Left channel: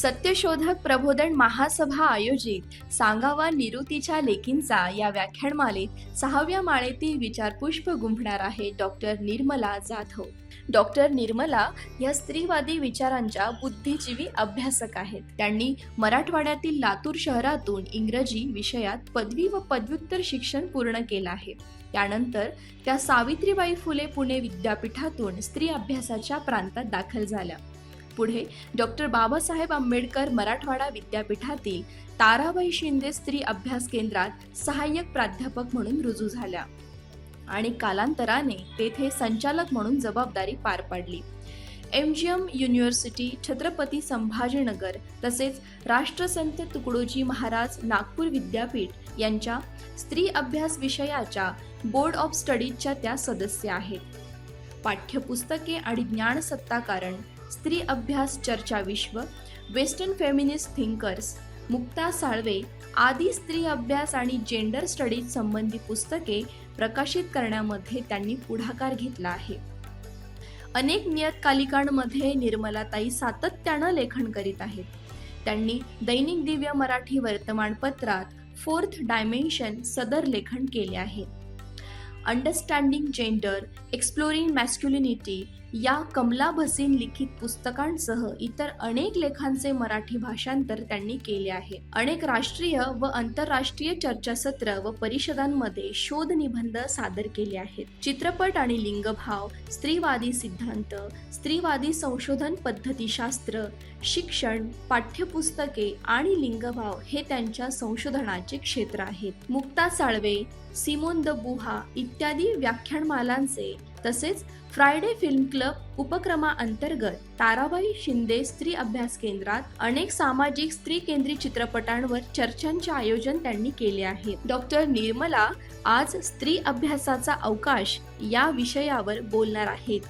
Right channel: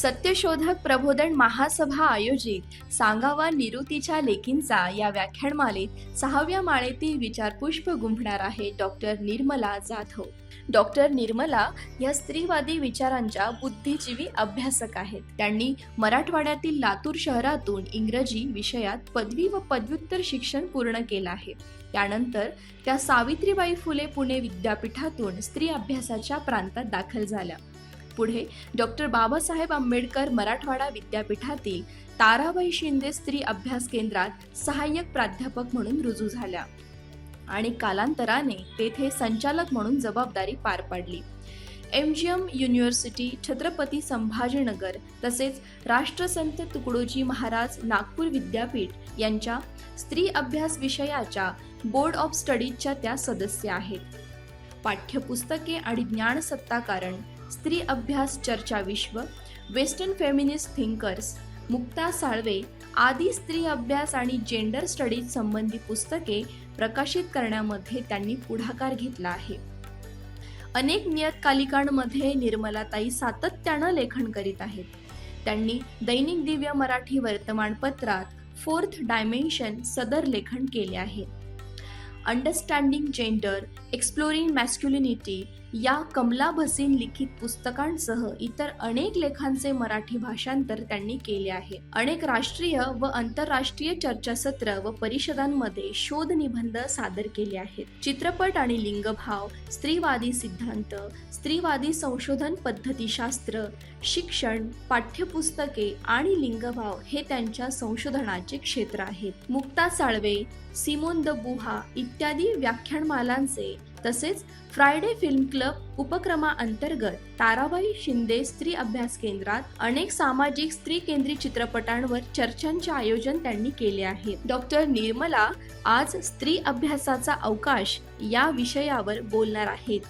सत्यशोधक प्रबोधन महासभा आयोजित सांगावा निवृत्तीच्या लेकींचा या व्याख्यानमालेत 6व्या माळेतील विचारपुष्प गुंफणार आहे डॉक्टर निर्मला जाधव. डॉक्टर निर्मला या स्त्रीवादी विचारांच्या बुद्धिजीवी अभ्यासक आहेत. त्यांनी मराठवाड्यातील लातूर शहरातून इंग्रजी विषयात पदवी व पदव्युत्तर शिक्षण पूर्ण केलं आहे. त्यानंतर त्या सावित्रीबाई फुले पुणे विद्यापीठातून स्त्री अभ्यासाच्या प्रांतात दाखल झाल्या. पुढे डॉक्टर बाबासाहेब आंबेडकर मराठवाडा विद्यापीठातील ताराबाई शिंदे स्त्री अभ्यास केंद्रात सहाय्यक प्राध्यापक म्हणून रुजू झाल्या आणि कालांतराने तेथे संचालक म्हणून जबाबदारी पार पाडली. MGM युनिव्हर्सिटी, छत्रपती संभाजीनगर तसेच राष्ट्रसंत तुकडोजी महाराज नागपूर विद्यापीठ यांच्या स्त्री अभ्यास विषयाच्या बोर्ड ऑफ स्टडीजच्या त्या सदस्य आहेत. पाठ्यपुस्तके आणि ज्ञानसत्ताकारण, स्त्री अभ्यास चर्चा विश्व, western feminist thinkers, Mukta Salve आदी स्त्री अभ्यास आणि जेंडर स्टडीज संबंधी पुस्तके प्रकाशित करण्यामध्ये त्यांनी पुढाकार घेतला आहे. अनेक नियतकालिकांमध्ये निर्मलाताई सातत्यानं लेखन करीत आहेत. त्यांनी दैनिक दिव्य मराठी वर्तमानपत्रात 4th डायमेन्शन सदर लेखन केले आहे. अंडरस्टँडिंग जेंडर, एक्सप्लोरिंग मॅस्क्युलिनिटी या कमला भसीन लिखित पुस्तकांसह इतर अनेक लेखांचे मराठी भाषांतर त्यांनी केले आहे. अनेक राष्ट्रीय व आंतरराष्ट्रीय चर्चासत्र व परिषदांमध्ये शोध निबंध सादर केले आहेत. चित्रपट आणि लिंगभाव, स्त्रीवादी सिद्धांत, स्त्रीवादी संशोधन पद्धतीशास्त्र, शिक्षण, पाठ्यपुस्तके आणि लिंगभाव हे त्यांच्या संशोधनाचे क्षेत्र आहेत. मुक्ता साळवे, सिमोन द बुहा इत्यादी व्याख्यानमालांचे तसेच फ्रायडे फिल्म क्लब उपक्रमाअंतर्गत ताराबाई शिंदे स्त्री अभ्यास केंद्रात अनेक सामाजिक स्त्री केंद्रित चित्रपटांवर चर्चांचे आयोजन त्यांनी केले आहे. डॉक्टर निर्मला आज स्त्री अभ्यासाचा अवकाश या विषयावर बोलणार आहेत.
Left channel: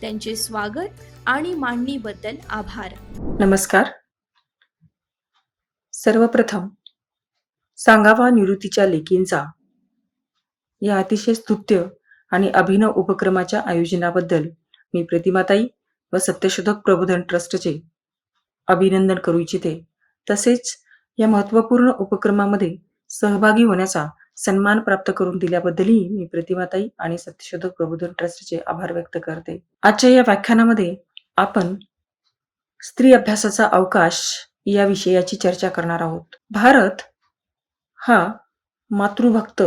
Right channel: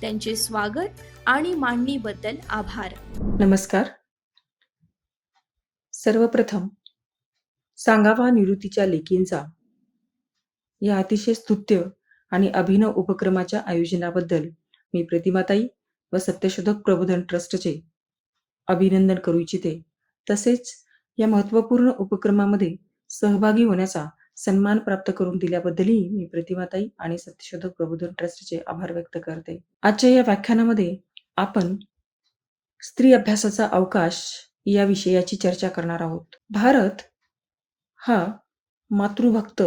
त्यांचे स्वागत आणि मांडणीबद्दल आभार. नमस्कार. सर्वप्रथम सांगावा निवृत्तीच्या लेकींचा या अतिशय स्तुत्य आणि अभिनव उपक्रमाच्या आयोजनाबद्दल मी प्रतिमाताई व सत्यशोधक प्रबोधन ट्रस्टचे अभिनंदन करू इच्छिते. तसेच या महत्त्वपूर्ण उपक्रमामध्ये सहभागी होण्याचा सन्मान प्राप्त करून दिल्याबद्दलही मी प्रतिमाताई आणि सत्यशोधक प्रबोधन ट्रस्टचे आभार व्यक्त करते. आजच्या या व्याख्यानामध्ये आपण स्त्री अभ्यासाचा अवकाश या विषयाची चर्चा करणार आहोत. भारत हा मातृभक्त,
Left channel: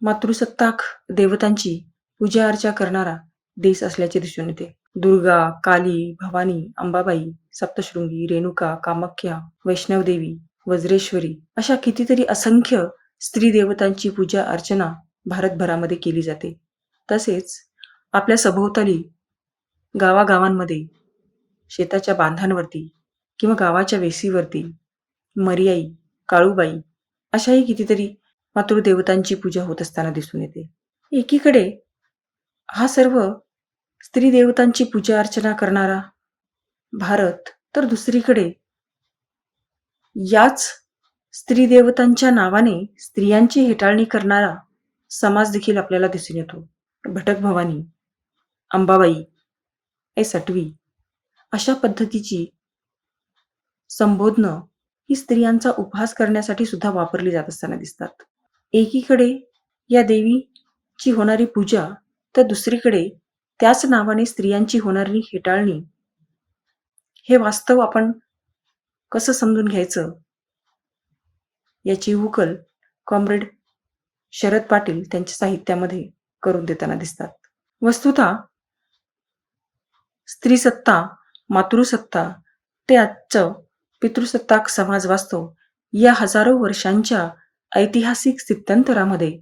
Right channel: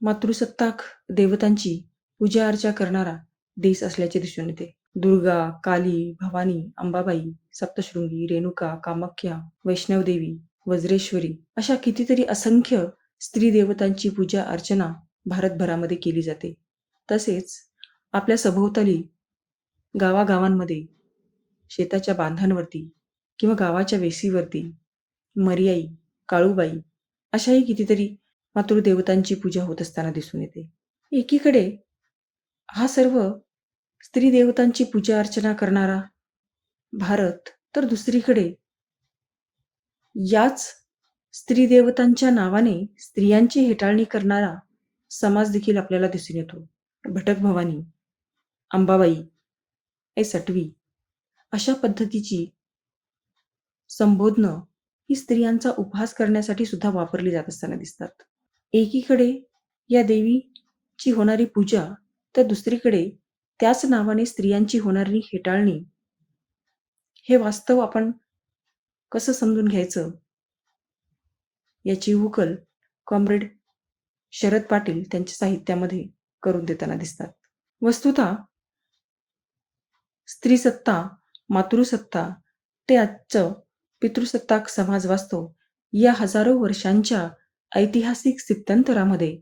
मातृसत्ताक देवतांची पूजा अर्चा करणारा देश असल्याचे दिसून येते. दुर्गा, काली, भवानी, अंबाबाई, सप्तशृंगी, रेणुका, कामाख्या, वैष्णवदेवी, वज्रेश्वरी अशा कितीतरी असंख्य स्त्री देवतांची पूजा अर्चना भारतभरामध्ये केली जाते. तसेच आपल्या सभोवताली गावागावांमध्ये शेताच्या बांधांवरती किंवा गावाच्या वेशीवरती मर्याई, काळूबाई अशाही कितीतरी मातृदेवतांची पूजा होत असताना दिसून येते. एकीकडे हा सर्व स्त्री देवतांची पूजा अर्चना करणारा भारत, तर दुसरीकडे याच स्त्री देवतांच्या नावाने स्त्रियांची हेटाळणी करणारा समाज देखील आपल्याला दिसून येतो. भटक भवानी, अंबाबाई, सटवी अशा पद्धतीची संबोधनं ही स्त्रियांचा उपहास करण्यासाठी सुद्धा वापरली जात असताना दिसतात. एकीकडे या देवीची होणारी पूजा, तर दुसरीकडे त्याच नावाने स्त्रियांची होणारी हेटाळणी. हे वास्तव आपण कसं समजून घ्यायचं याची उकल कॉम्रेड शरद पाटील त्यांच्या साहित्यामध्ये करून देताना दिसतात. वस्तुतः स्त्रीसत्ता, मातृसत्ता ते आजचं पितृसत्ताक समाज वास्तव या हजारो वर्षांच्या ऐतिहासिक स्थित्यंतरामध्ये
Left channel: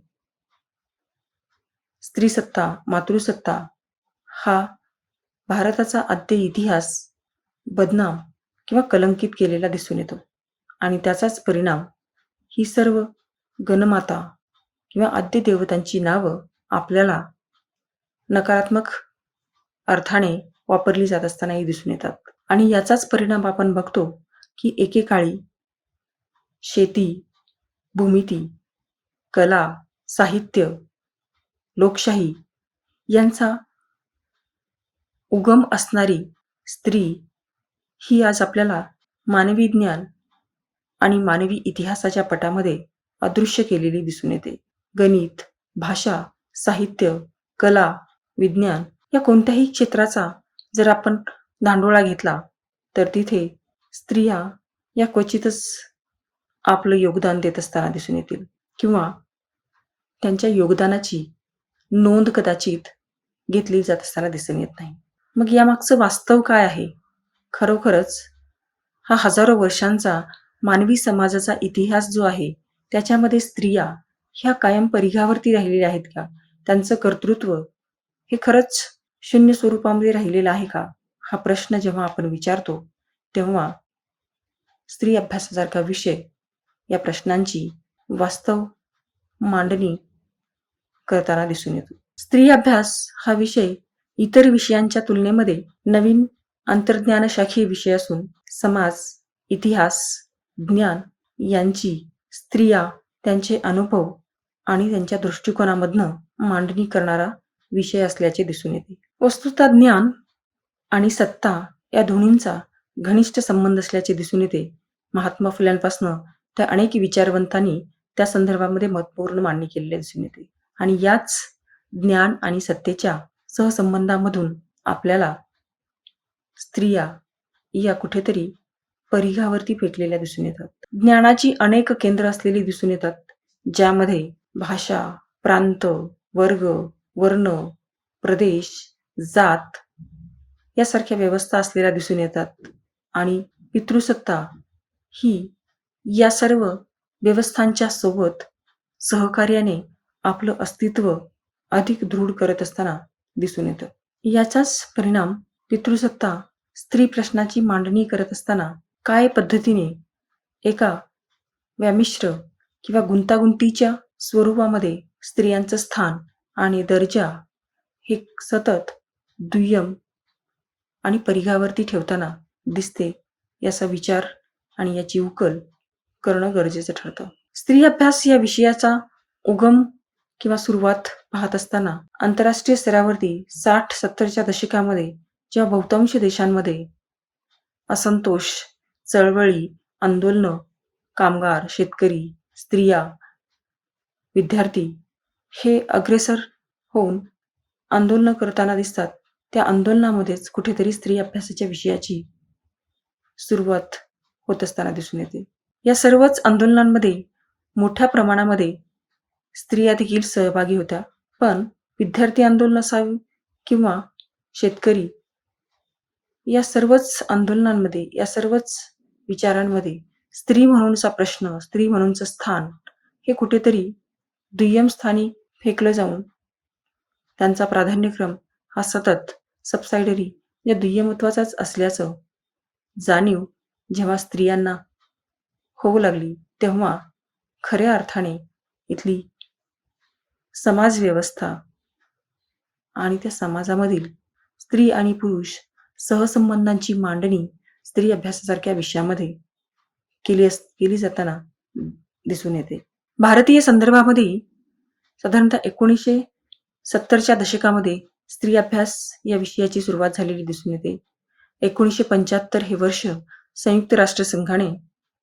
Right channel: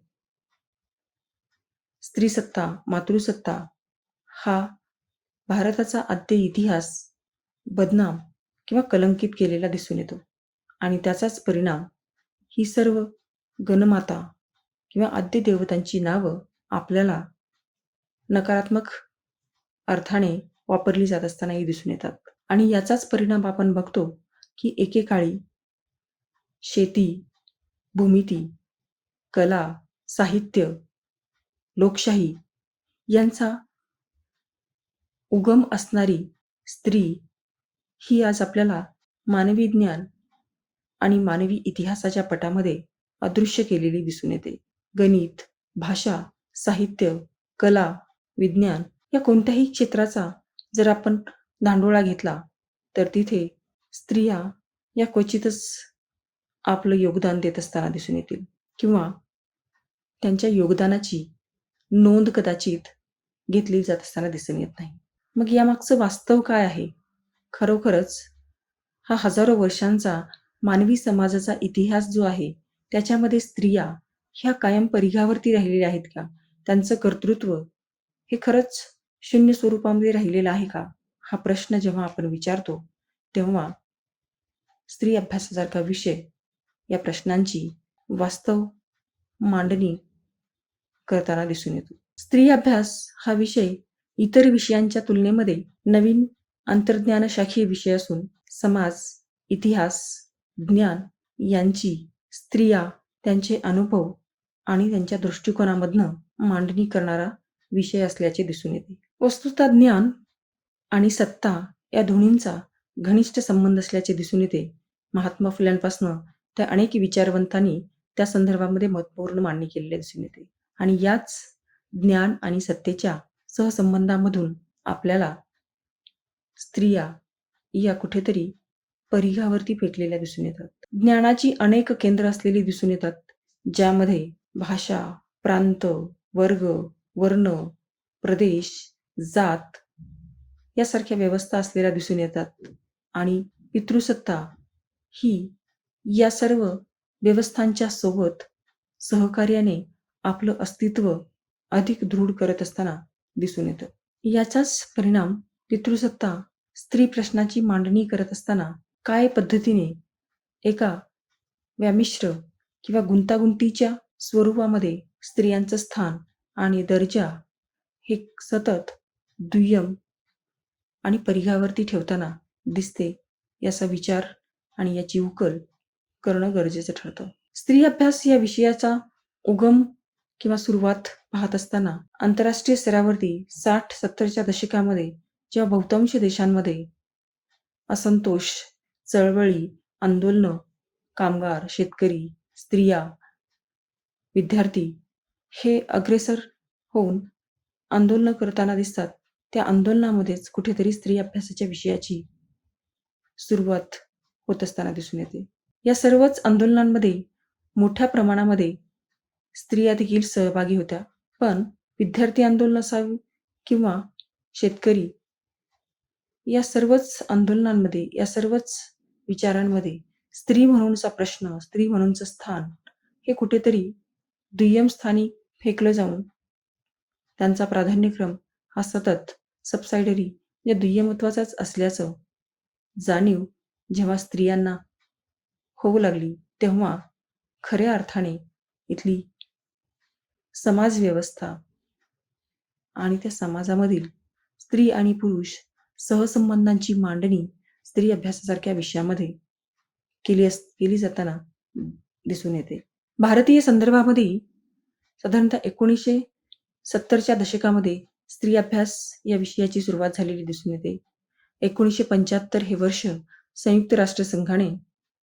स्त्रीसत्ता, मातृसत्ता हा भारताचा आद्य इतिहास बदनाम किंवा कलंकित केलेला दिसून येतो. आणि त्याचाच परिणाम ही सर्व गणमाता किंवा आद्य देवतांची नावं आपल्याला नकारात्मक अर्थाने वापरली जात असतानाही दिसून येतात. आणि याचाच परिणाम आपण बघतो की एकेकाळी शेती, भूमिती, कला, साहित्य, लोकशाही यांचा उगम असणारी स्त्री ही आज आपल्याला मानवी ज्ञान आणि मानवी इतिहासाच्या पटामध्ये अदृश्य केलेली दिसून येते. गणित, भाषा, साहित्य, कला, विज्ञान या कोणत्याही क्षेत्राचा जर आपण धांडोळा घेतला तर तिथे स्त्रिया या क्वचितच आपलं योगदान देत असताना दिसून येतील किंवा त्यांच्या योगदानाची नोंद कदाचित घेतली जात असताना दिसून येत नाही. मग यामागचं वास्तव काय आहे? खरोखरच हा हजारो वर्षांचा मानवी समाजाचा इतिहास जो आहे, त्याच्यामध्ये स्त्रिया ह्या कायम परिघावरती राहिलेल्या आहेत का? त्यांचं कर्तृत्व हे खरंच शून्य स्वरूपामध्ये राहिलेलं आहे का? हा प्रश्न जेव्हा आपण विचारतो, तेव्हा स्त्री अभ्यासासारखा विषय या प्रश्नांची वास्तव मांडणी करताना दिसून येतो. स्त्री अभ्यास हा विषय इतर विषयांच्या तुलनेमध्ये नवीन अंतर्ज्ञानशाखीय विषय असून समाज, इतिहास, ज्ञान यांची स्त्रिया त्यांचे अनुभव आणि त्यांच्या दृष्टिकोनामधनं मांडणी करणारा विषय असल्याचे दिसून येते. वस्तुतः ज्ञान आणि सत्ता या दोन्हींचा घनिष्ठ संबंध असल्याचे दिसून येते. महात्मा फुल्यांपासनं त्या अनेक विचारवंतांनी त्या संदर्भामध्ये महत्त्वपूर्ण मांडणी केलेली दिसून येते. आणि याच ज्ञान आणि सत्तेच्या सहसंबंधामधून आपल्याला स्त्रिया या कुठेतरी परिघावरती फेकलेल्या दिसून येतात. ज्ञानाची अनेक केंद्र असलेली दिसून येतात, ज्यामध्ये भाषा, प्रांत, वर्ग, वर्ण, प्रदेश, जात यासारख्या व्यवस्था असलेल्या दिसून येतात. आणि पितृसत्ता ही या सर्व व्यवस्थांच्या सोबत सहकार्याने आपलं अस्तित्व अधिक दृढ करत असताना दिसून येतं. याचाच परिणाम पितृसत्ता स्त्री प्रश्नाची मांडणी करत असताना काय पद्धतीने एका व्यामिश्र किंवा गुंतागुंतीच्या स्वरूपामध्ये स्त्रियांचं स्थान आणि दर्जा हे सतत दुय्यम आणि परिघावरती ठेवताना दिसते, याचा विचार आणि याची उकल करणं गरजेचं ठरतं. स्त्री अभ्यास या विषयाचा उगम किंवा सुरुवात पाहत असताना आंतरराष्ट्रीय स्तरावरती 60-70च्या दशकामध्ये जेव्हा बहुतांश देशांमध्ये असंतोष, चळवळी, आंदोलनं, कामगार, शेतकरी, स्त्रिया, विद्यार्थी हे अग्रेसर होऊन आंदोलनं करताना दिसतात, त्या आंदोलनामध्येच कुठेतरी स्त्री अभ्यासाच्या विषयाची सुरुवात होत असताना दिसून येते. या सर्वच आंदोलनांमध्ये मोठ्या प्रमाणामध्ये स्त्रिया देखील सहभागी होत्या. पण विद्यार्थी आंदोलन असावे किंवा शेतकरी या सर्वच आंदोलनांमध्ये, या सर्वच विचारांमध्ये स्त्री म्हणूनचा प्रश्न, स्त्री म्हणूनचं स्थान हे कुठेतरी दुय्यम स्थानी फेकलं जाऊन त्यांचा प्राधान्यक्रम हा सतत सबसायडरी या दुय्यमत्वाचाच असल्याचं जाणीव जेव्हा स्त्रियांना होऊ लागली, तेव्हा खऱ्या अर्थाने इथली समाजव्यवस्था आणि त्या समाजामधील स्त्री आणि पुरुष सहसंबंधांची मांडणी स्त्री अभ्यासासारख्या विषयामध्ये केली जाताना दिसून येते. भारतीय संदर्भामध्ये साधारणतः 1970च्या दशकामध्ये स्त्री अभ्यास या विषयाची सुरुवात झालेली दिसून येते. 1975 हे वर्ष संयुक्त राष्ट्रसंघाने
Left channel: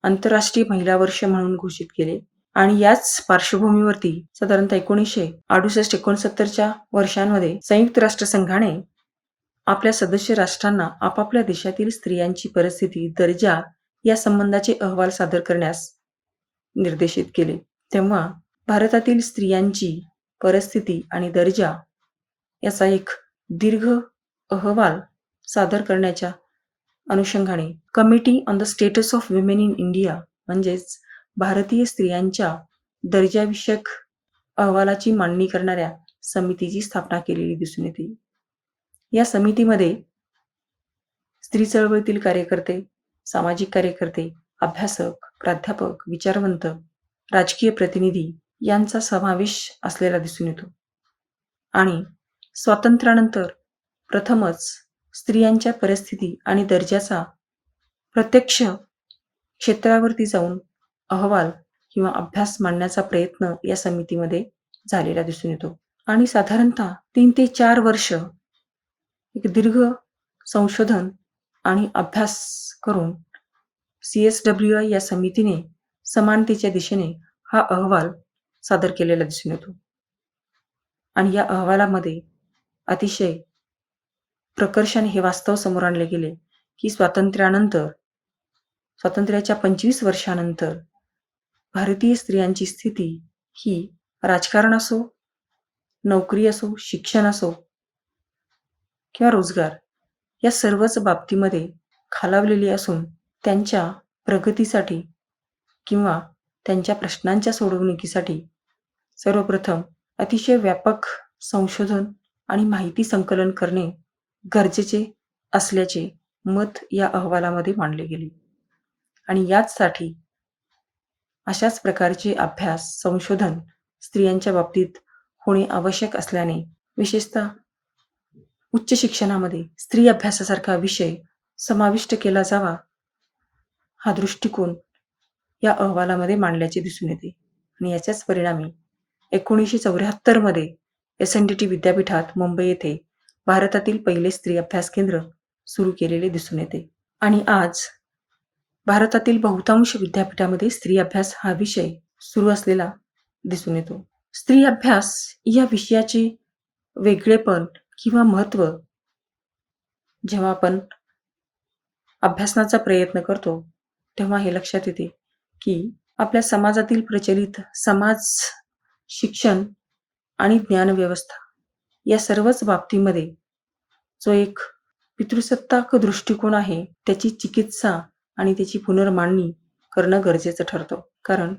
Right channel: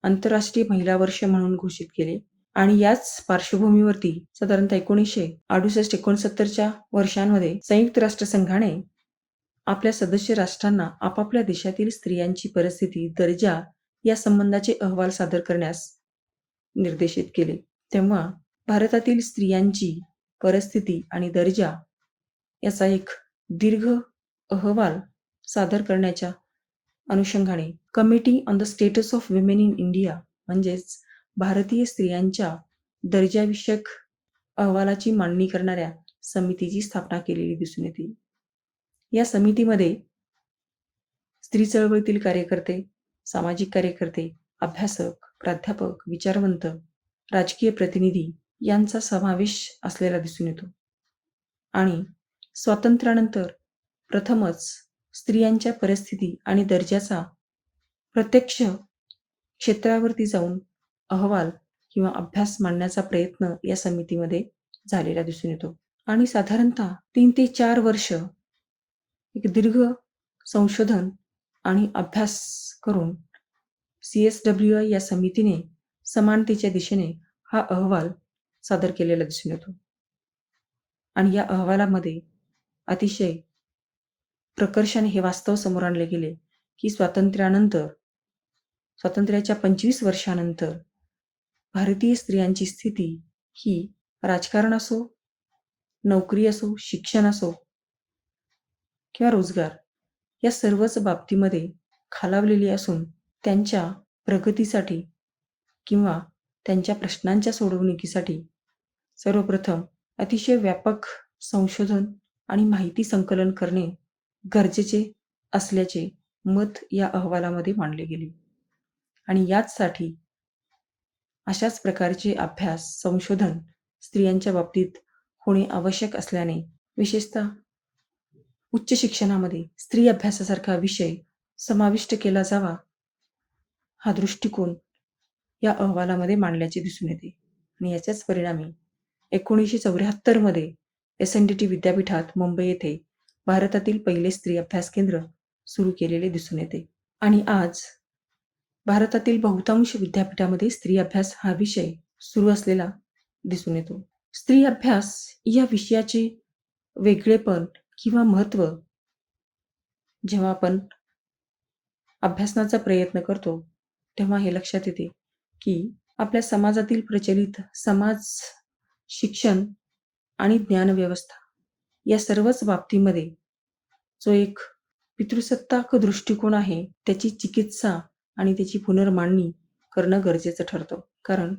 आंतरराष्ट्रीय महिला वर्ष म्हणून घोषित केले आणि याच पार्श्वभूमीवरती साधारणतः 1968-69च्या वर्षांमध्ये संयुक्त राष्ट्रसंघाने आपल्या सदस्य राष्ट्रांना आपापल्या देशातील स्त्रियांची परिस्थिती, दर्जा या संबंधाचे अहवाल सादर करण्यास निर्देशित केले. तेव्हा भारतातील स्त्रियांची परिस्थिती आणि दर्जा याचा एक दीर्घ अहवाल सादर करण्याच्या अनुषंगाने committee on the status of women in India म्हणजेच भारतीय स्त्रियांच्या दर्जाविषयक अहवालाची मांडणी करणाऱ्या समितीची स्थापना केलेली दिसून येते. या समितीमध्ये स्त्री चळवळीतील कार्यकर्ते, सामाजिक कार्यकर्ते, अभ्यासक, प्राध्यापक, विचारवंत, राजकीय प्रतिनिधी यांचा समावेश असलेला दिसून येतो. आणि स्वातंत्र्यानंतर प्रथमच स्त्रियांच्या परिस्थिती आणि दर्जाचा प्रत्यक्ष क्षेत्रावरती जाऊन अहवाल किंवा अभ्यास मांडण्याचा प्रयत्न या समितीमध्ये झालेला दिसून येतो. आणि साधारणतः 3 ते 4 वर्ष एक दीर्घ संशोधन आणि अभ्यास करून CSWI या समितीने समानतेच्या दिशेने हा अहवाल सादर केलेला दिसून येतो. आणि या अहवालामध्ये अतिशय प्रकर्षाने हे वास्तव समोर आणले गेले, की स्वातंत्र्याच्या 25 वर्षानंतर भारतीय स्त्रियांची स्थिती ही राजकारण असो, नोकरी असो, शिक्षण असो किंवा रोजगार या सर्वच बाबतीमध्ये खालावलेली असून त्यांच्या प्रगतीसाठी किंवा त्यांच्या प्रश्नांच्या सोडवणुकीसाठी सर्वप्रथम अतिशय व्यापक संशोधन आणि माहिती संकलन करणे गरजेचे असल्याचे मत या अहवालामध्ये मांडले गेले. आणि याचसाठी अशाच प्रकारचे अभ्यास, संशोधन स्त्रियांच्या बाबतीत होणे आवश्यक असल्याने विशेषतः उच्च शिक्षणामध्ये स्त्री अभ्यासासारखा विषय समाविष्ट केला जावा, हा दृष्टिकोन या अहवालामध्ये मांडल्याचे दिसून येते. आणि याच्याच परिणामी 1974 मध्ये SNDT विद्यापीठात मुंबई येथे भारतातील पहिले स्त्री अभ्यास केंद्र सुरू केलेले दिसून येते. आणि आज भारतातील बहुतांश विद्यापीठामध्ये स्त्री अभ्यास हा विषय सुरू असलेला दिसून येतो. स्त्री अभ्यास या विषयाचे वेगळेपण किंवा महत्त्व जेव्हा आपण अभ्यासनाचा प्रयत्न करतो, तेव्हा हे लक्षात येते, की आपल्या समाजातील प्रचलित समाज, शिक्षण आणि ज्ञानव्यवस्था या सर्वच बाबतीमध्ये जो एक पितृसत्ताक दृष्टिकोन आहे, त्याची चिकित्सा आणि त्याची पुनर्मांडणी करणं गरजेचं ठरतं. कारण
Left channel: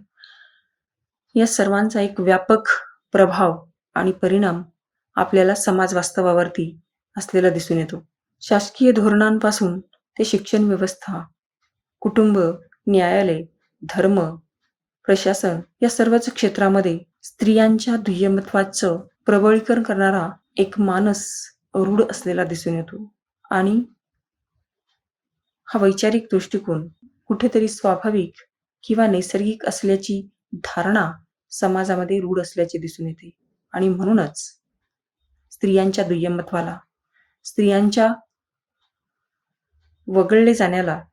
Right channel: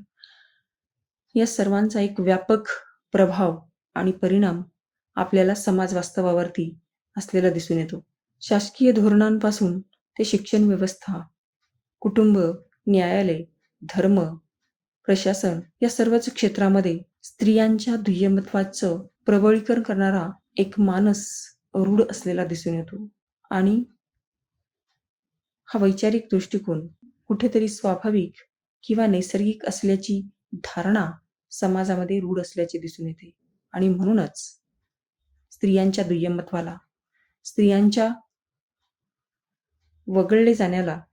या सर्वांचा एक व्यापक प्रभाव आणि परिणाम आपल्याला समाज वास्तवावरती असलेला दिसून येतो. शासकीय धोरणांपासून ते शिक्षण व्यवस्था, कुटुंब, न्यायालय, धर्म, प्रशासन या सर्वच क्षेत्रामध्ये स्त्रियांच्या दुय्यमत्वाचं प्रबळीकरण करणारा एक मानस रूढ असलेला दिसून येतो. आणि हा वैचारिक दृष्टिकोन कुठेतरी स्वाभाविक किंवा नैसर्गिक असल्याची धारणा समाजामध्ये रूढ असल्याचे दिसून येते. आणि म्हणूनच स्त्रियांच्या दुय्यमत्वाला, स्त्रियांच्या वगळले जाण्याला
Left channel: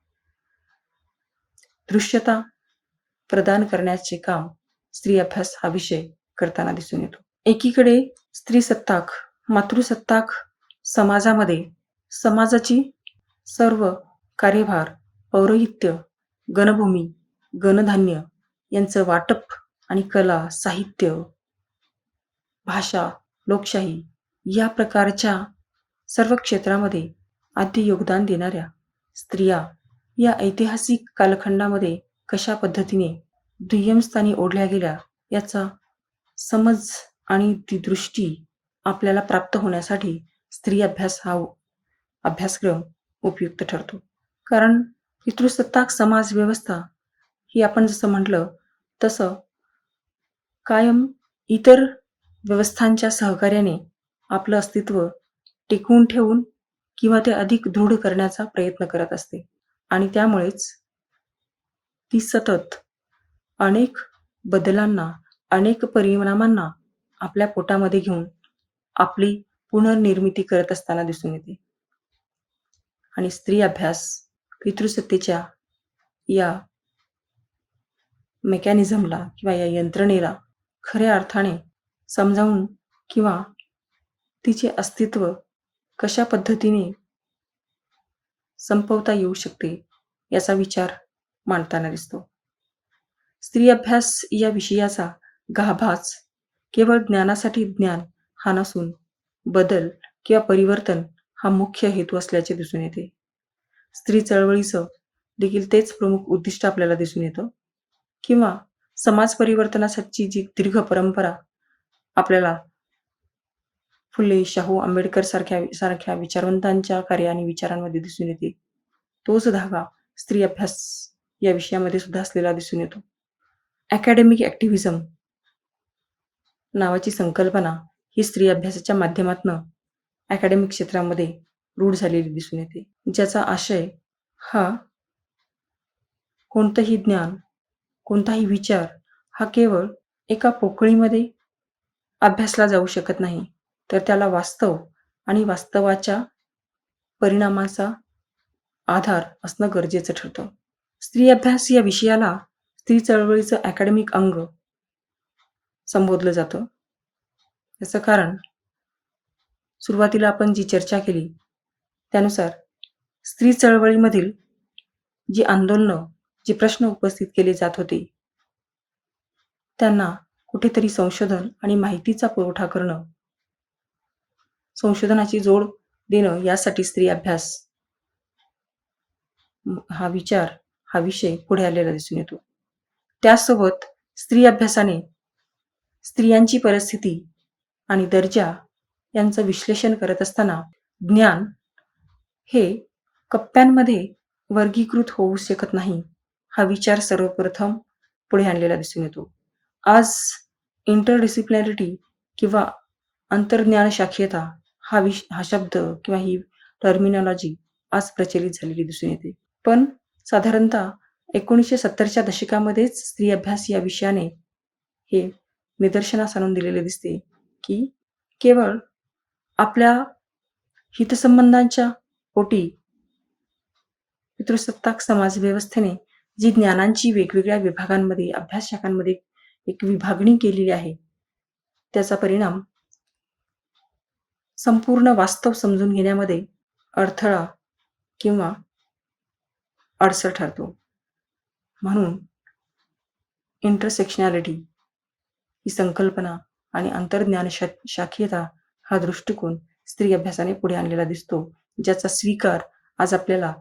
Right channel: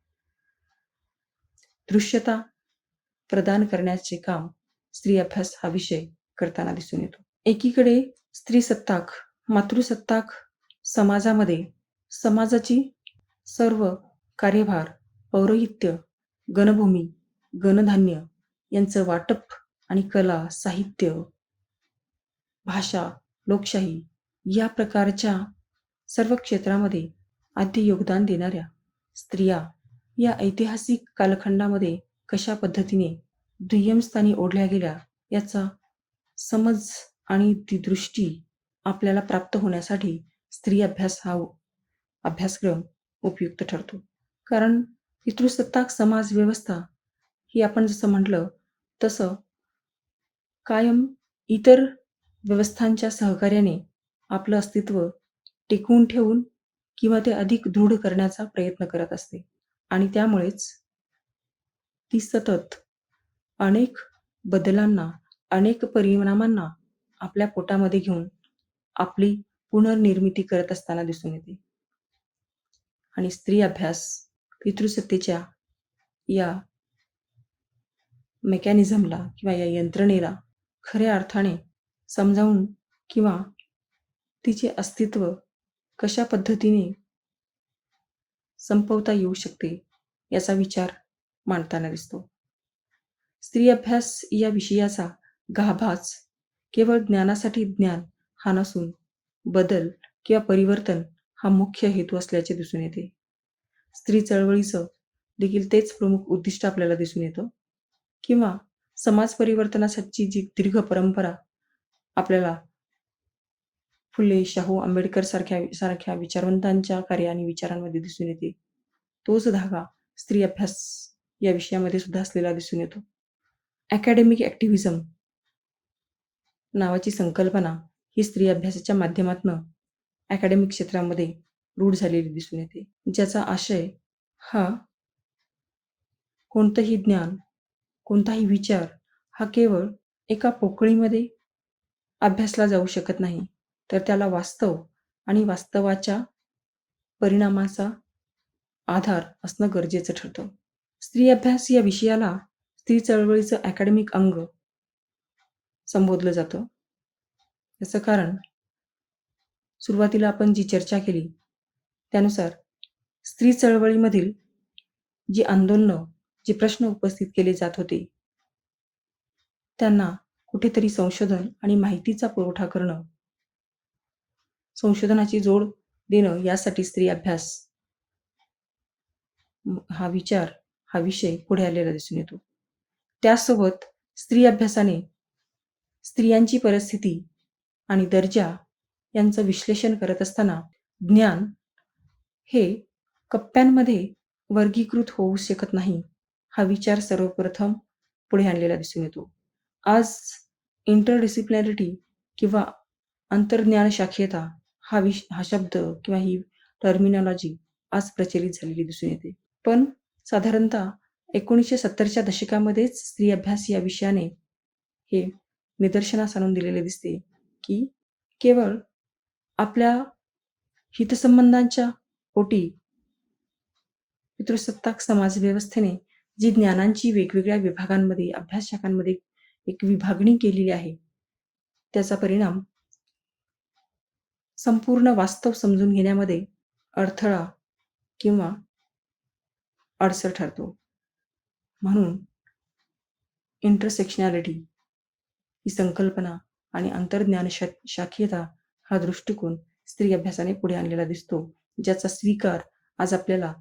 दृश्यता प्रदान करण्याचे काम स्त्री अभ्यास हा विषय करताना दिसून येतो. एकीकडे स्त्रीसत्ताक, मातृसत्ताक समाजामध्ये समाजाची सर्व कार्यभार, पौरोहित्य, गणभूमी, गणधान्य यांचं वाटप आणि कला, साहित्य, भाषा, लोकशाही या प्रकारच्या सर्व क्षेत्रामध्ये आद्य योगदान देणाऱ्या स्त्रिया या ऐतिहासिक कालखंडामध्ये कशा पद्धतीने दुय्यम स्थानी ओढल्या गेल्या याचा समज आणि ती दृष्टी आपल्याला प्राप्त होण्यासाठी स्त्री अभ्यास हा अभ्यासक्रम उपयुक्त ठरतो. कारण पितृसत्ताक समाज व्यवस्था ही आपण जसं म्हटलं तसं कायम इतर व्यवस्थांच्या सहकार्याने आपलं अस्तित्व टिकवून ठेवून किंवा ते अधिक दृढ करण्याचा प्रयत्न करत असते. आणि त्यामुळेच ती सतत अनेक बदलांना, अनेक परिणामांना आपल्या पोटामध्ये घेऊन आपली पुनर्निर्मिती करत असताना दिसून येते. आणि स्त्री अभ्यास पितृसत्तेच्या या मेकॅनिझमला किंवा या यंत्रणेला खऱ्या अर्थाने समजावून किंवा तिचे अस्तित्व कशा पद्धतीने संपवता येऊ शकते याचा विचार मांडताना दिसतो. स्त्री अभ्यास या विषयाचा गाभास केवळ ज्ञानासाठी ज्ञान हा नसून बदल किंवा परिवर्तन हा मुख्य हेतू असल्याचे दिसून येते. स्त्री चळवळीचं देखील तेच प्रमुख उद्दिष्ट आपल्याला दिसून येतं. किंवा समाज परिवर्तनासाठी जी दीर्घ परंपरा आपल्याला फुले, शाहू, आंबेडकर सारख्या विचारवंतांच्या कार्य आणि विचारांमध्ये दिसून येते, तोच धागा स्त्री अभ्यास या विषयामध्ये सुद्धा असलेला दिसून येतो. अकॅडमिक ॲक्टिव्हिझम नावाची संकल्पना ही स्त्री अभ्यासाच्या माध्यमातून अकॅडमिक क्षेत्रामध्ये रूढ झालेली दिसून येते, ज्याचा आशय हा कोणतंही ज्ञान, कोणताही विचार हा केवळ एका पोकळीमध्ये अभ्यासला जाऊ शकत नाही, तर त्याला वास्तव आणि वास्तवाच्या परिणामाचा आधार असणं गरजेचं ठरतं. स्त्री अभ्यास या विषयाला स्त्री चळवळीचं अकॅडमिक अंग संबोधलं जातं. याचं कारण सुरुवातीला आपण जी चर्चा केली त्यानुसार स्त्री चळवळीमधील जी आंदोलनं, जे प्रश्न उपस्थित केले जात होते, त्यांना कुठेतरी संशोधन आणि माहितीचा पुरवठा करणं, संशोधनाची जोड देणं यासाठी स्त्री अभ्यास हा विचार, हा विषय पुढे आलेला दिसून येतो. त्यासोबत स्त्री अभ्यासाने स्त्रियांची परिस्थिती आणि दर्जा यांचं विश्लेषण करत असताना ज्ञान हे कप्प्यांमध्ये वर्गीकृत होऊ शकत नाही, हा विचार सर्वप्रथम पुढे आणलेला दिसून येतो. आज इंटरडिसिप्लिनॅरिटी किंवा अंतर्ज्ञान शाखीयता हा शब्द किंवा ही टर्मिनॉलॉजी आज प्रचलित झालेली दिसून येते. पण साधारणतः 1970च्या दशकामध्येच स्त्री अभ्यास या विषयाने हे निदर्शनास आणून दिलेले दिसते की केवळ आपल्या हितसंबंधांच्या पोटी पितृसत्ताक समाज व्यवस्थेने जी ज्ञानांची वेगवेगळ्या विभागांमध्ये, अभ्यास शाखांमध्ये एक विभागणी केलेली आहे, त्याचा परिणाम संपूर्ण वास्तव समजून घेण्यामध्ये अडथळा किंवा अडसर ठरतो. म्हणून इंटरसेक्शनॅलिटी ही संकल्पना आणि अंतर्ज्ञान शाखीयता हा दृष्टिकोन स्त्री अभ्यासाने पुढे आणलेला दिसतो, ज्याचा स्वीकार आज आपल्याला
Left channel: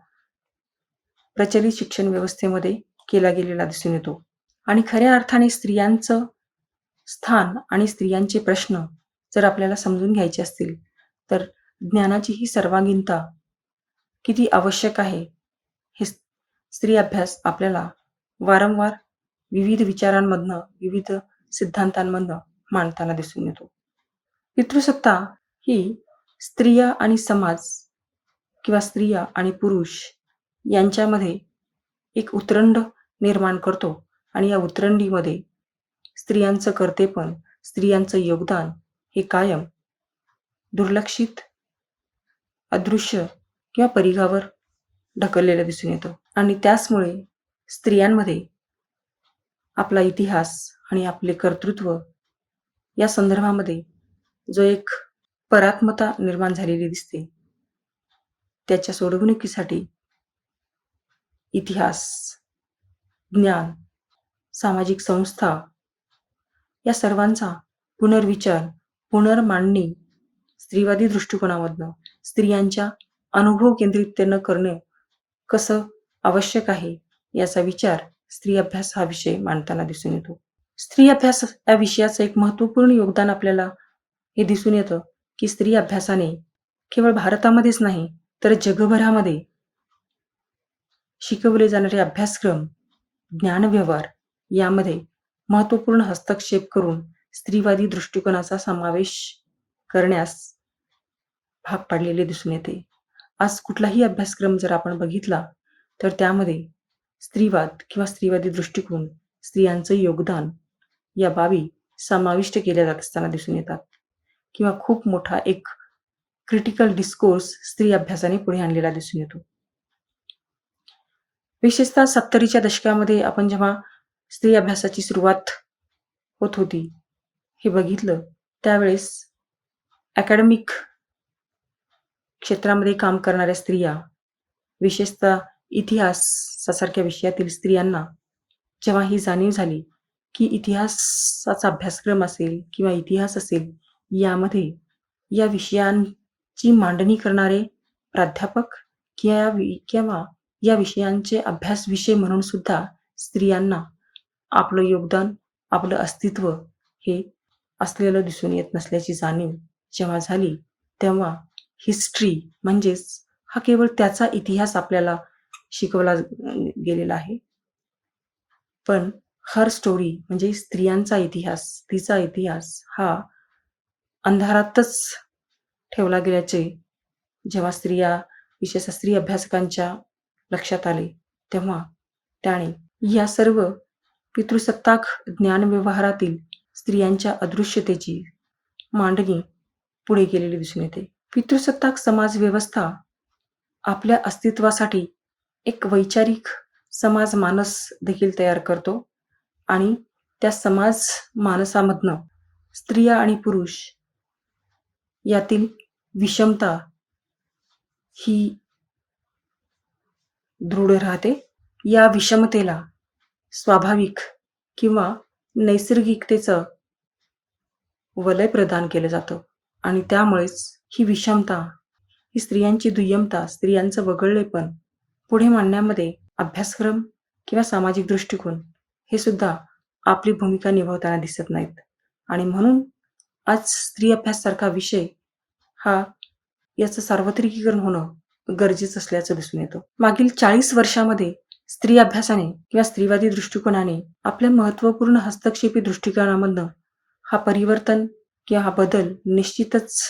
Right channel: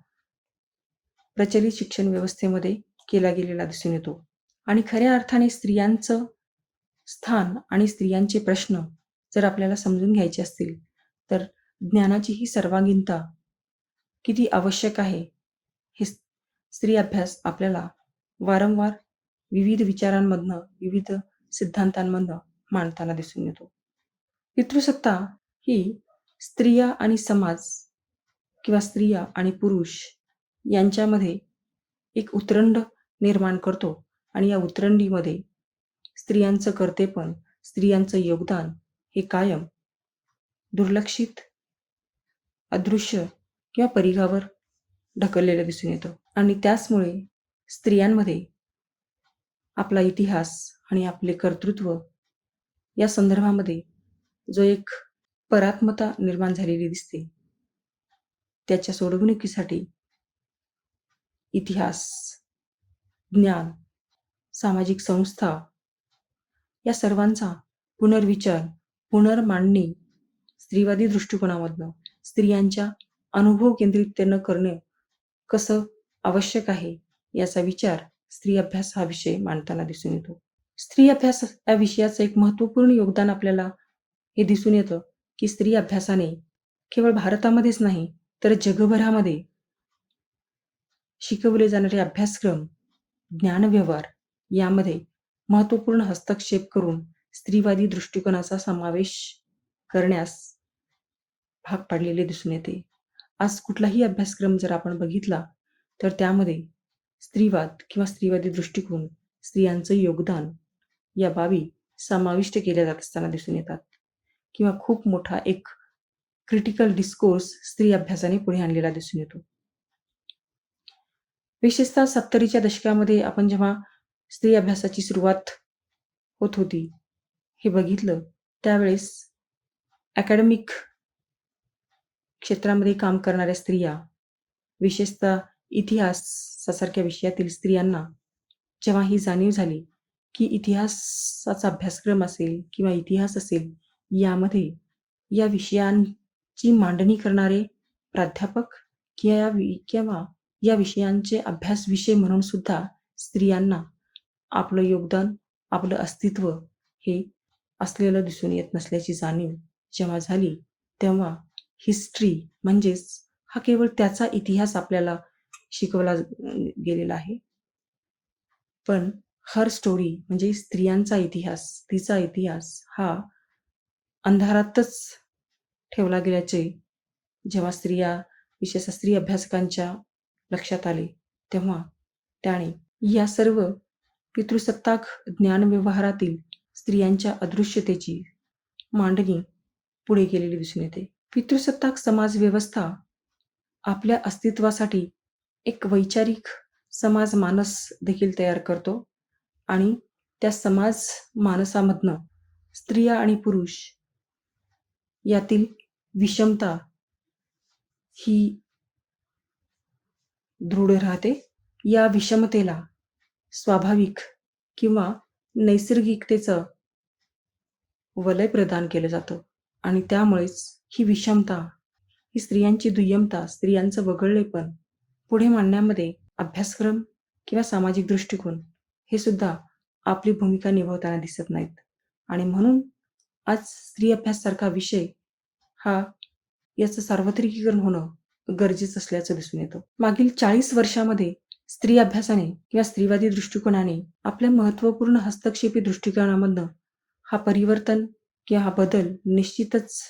प्रचलित शिक्षण व्यवस्थेमध्ये केला गेलेला दिसून येतो. आणि खऱ्या अर्थाने स्त्रियांचं स्थान आणि स्त्रियांचे प्रश्न जर आपल्याला समजून घ्यायचे असतील, तर ज्ञानाची ही सर्वांगीणता किती आवश्यक आहे, हे स्त्री अभ्यास आपल्याला वारंवार विविध विचारांमधनं, विविध सिद्धांतांमधनं मांडताना दिसून येतो. पितृसत्ता ही स्त्रिया आणि समाज किंवा स्त्रिया आणि पुरुष यांच्यामध्ये एक उतरंड निर्माण करतो आणि या उतरंडीमध्ये स्त्रियांचं कर्तेपण, स्त्रियांचं योगदान हे कायम दुर्लक्षित, अदृश्य किंवा परिघावर ढकललेलं दिसून येतं. आणि त्याचमुळे स्त्रियांमध्ये आपला इतिहास आणि आपले कर्तृत्व या संदर्भामध्ये जो एक परात्मता निर्माण झालेली दिसते, त्याच्या सोडवणुकीसाठी इतिहास, ज्ञान, सामाजिक संस्था या सर्वांचा पुनर्विचार, पुनर्मांडणी स्त्रीवादी दृष्टिकोनामधनं स्त्रियांच्या अनुभव केंद्रिततेनं करणं कसं आवश्यक आहे, याचा विचार स्त्री अभ्यास हा विषय मांडताना दिसून येतो. स्त्री अभ्यास या विषयाचं एक महत्त्वपूर्ण योगदान आपल्याला हे दिसून येतं की स्त्री अभ्यासाने केवळ भारतामध्येच नाही तर जगभरामध्ये शिकवले जाणारे अभ्यासक्रम, ज्ञानव्यवहार यामध्ये महत्त्वपूर्ण हस्तक्षेप करून स्त्रीवादी दृष्टिकोनाचा समावेश करण्यास भाग पाडलेले दिसून येते. आज कुठलाही अभ्यासक्रम जर आपण बघितला तर त्यामध्ये स्त्रीवाद किंवा स्त्रीवादी दृष्टिकोन, स्त्रियांचं योगदान या बाबी समाविष्ट केल्या जात असताना दिसून येतात किंवा खूप मोठा एक क्रिटिकल डिस्कोर्स स्त्री अभ्यासाने पुढे आणलेला दिसून येतो. विशेषतः 70च्या दशकामध्ये आपण जेव्हा स्त्री अभ्यासाची सुरुवात होत होती हे बघितलं, त्यावेळेस अकॅडमिक क्षेत्रामध्ये काम करणाऱ्या स्त्रिया, विशेषतः इतिहासासारख्या विषयातील स्त्रियांना जेव्हा ही जाणीव झाली की इतिहासाचा अभ्यासक्रम असेल किंवा इतिहास असेल, यामध्ये या विषयांची मांडणी करणारे प्राध्यापक किंवा या विषयांचे अभ्यास विषय म्हणून सुद्धा स्त्रियांना आपलं योगदान, आपलं अस्तित्व हे असलेलं दिसून येत नसल्याची जाणीव जेव्हा झाली, तेव्हा हिस्ट्री म्हणजेच हा केवळ त्याचा इतिहास आपल्याला शिकवला गेलेला आहे. पण हर स्टोरी म्हणजे स्त्रियांचा इतिहास, तिचा इतिहास हा अंधारातच ठेवला गेल्याचे जेव्हा विशेषतः स्त्री अभ्यासकांच्या लक्षात आले, तेव्हा त्याने या सर्व पितृसत्ताक ज्ञानव्यवहारातील स्त्रियांच्या अदृश्यतेची मांडणी पुढे केलेली दिसून येते. पितृसत्ताक समाज व्यवस्था आपल्या अस्तित्वासाठी एक वैचारिक समाज मानस देखील तयार करतो आणि त्या समाज मानसामधनं स्त्रिया आणि पुरुष यातील विषमता ही दृढ राहते. या विषमतेला स्वाभाविक किंवा नैसर्गिकतेचं वलय प्रदान केलं जातं आणि त्यामुळेच ही विषमता, ही स्त्रियांची दुय्यमता, स्त्रियांचं वगळलेपण पुढे मांडण्यामध्ये अभ्यासक्रम किंवा सामाजिक दृष्टिकोन हे सुद्धा आपली भूमिका निभावताना दिसत नाहीत आणि म्हणून आज स्त्री अभ्यासासारखा विषय हा याचं सार्वत्रिकीकरण होणं गरजेचं असल्याचं दिसून येतं. मागील 40 वर्षामध्ये स्त्री अभ्यासाने किंवा स्त्रीवादी दृष्टिकोनाने आपल्या महत्त्वपूर्ण हस्तक्षेपी दृष्टिकोनामधनं हा परिवर्तन किंवा हा बदल निश्चितच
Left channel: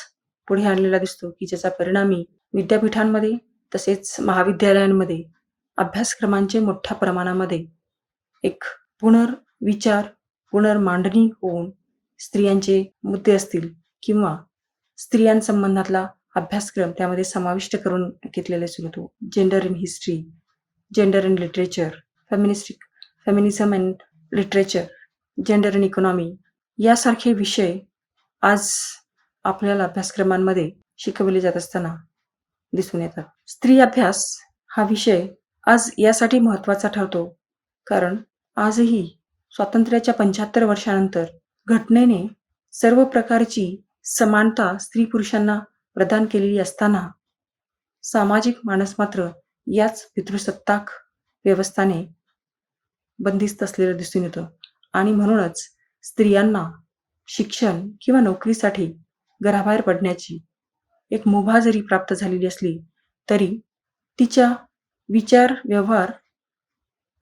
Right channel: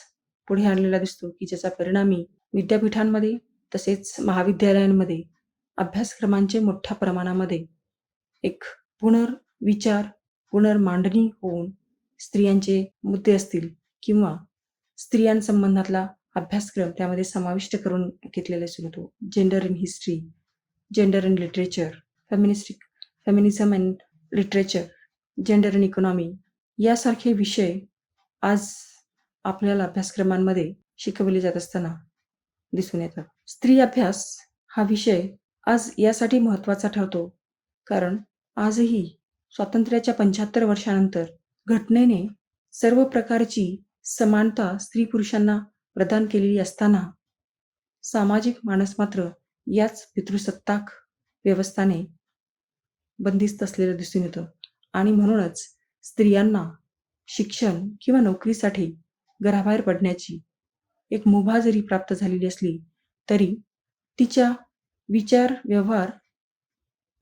पुढे आणलेला दिसतो, की ज्याचा परिणामी विद्यापीठांमध्ये तसेच महाविद्यालयांमध्ये अभ्यासक्रमांचे मोठ्या प्रमाणामध्ये एक पुनर्विचार, पुनर्मांडणी होऊन स्त्रियांचे मुद्दे असतील किंवा स्त्रियांसंबंधातला अभ्यासक्रम त्यामध्ये समाविष्ट करून घेतलेला दिसून येतो. Gender in history, gender in literature, feminism and literature, gender in economy यासारखे विषय आज आपल्याला अभ्यासक्रमांमध्ये शिकवले जात असताना दिसून येतात. स्त्री अभ्यास हा विषय आज यासाठी महत्त्वाचा ठरतो, कारण आजही स्वातंत्र्याच्या 75 वर्षानंतर घटनेने सर्व प्रकारची समानता स्त्री-पुरुषांना प्रदान केलेली असताना, सामाजिक मानस मात्र याच पितृसत्ताक व्यवस्थाने बंदिस्त असलेलं दिसून येतं आणि म्हणूनच स्त्रियांना शिक्षण किंवा नोकरीसाठी घराबाहेर पडण्याची एक मुभा जरी प्राप्त झालेली असली, तरी तिच्या विचार, व्यवहार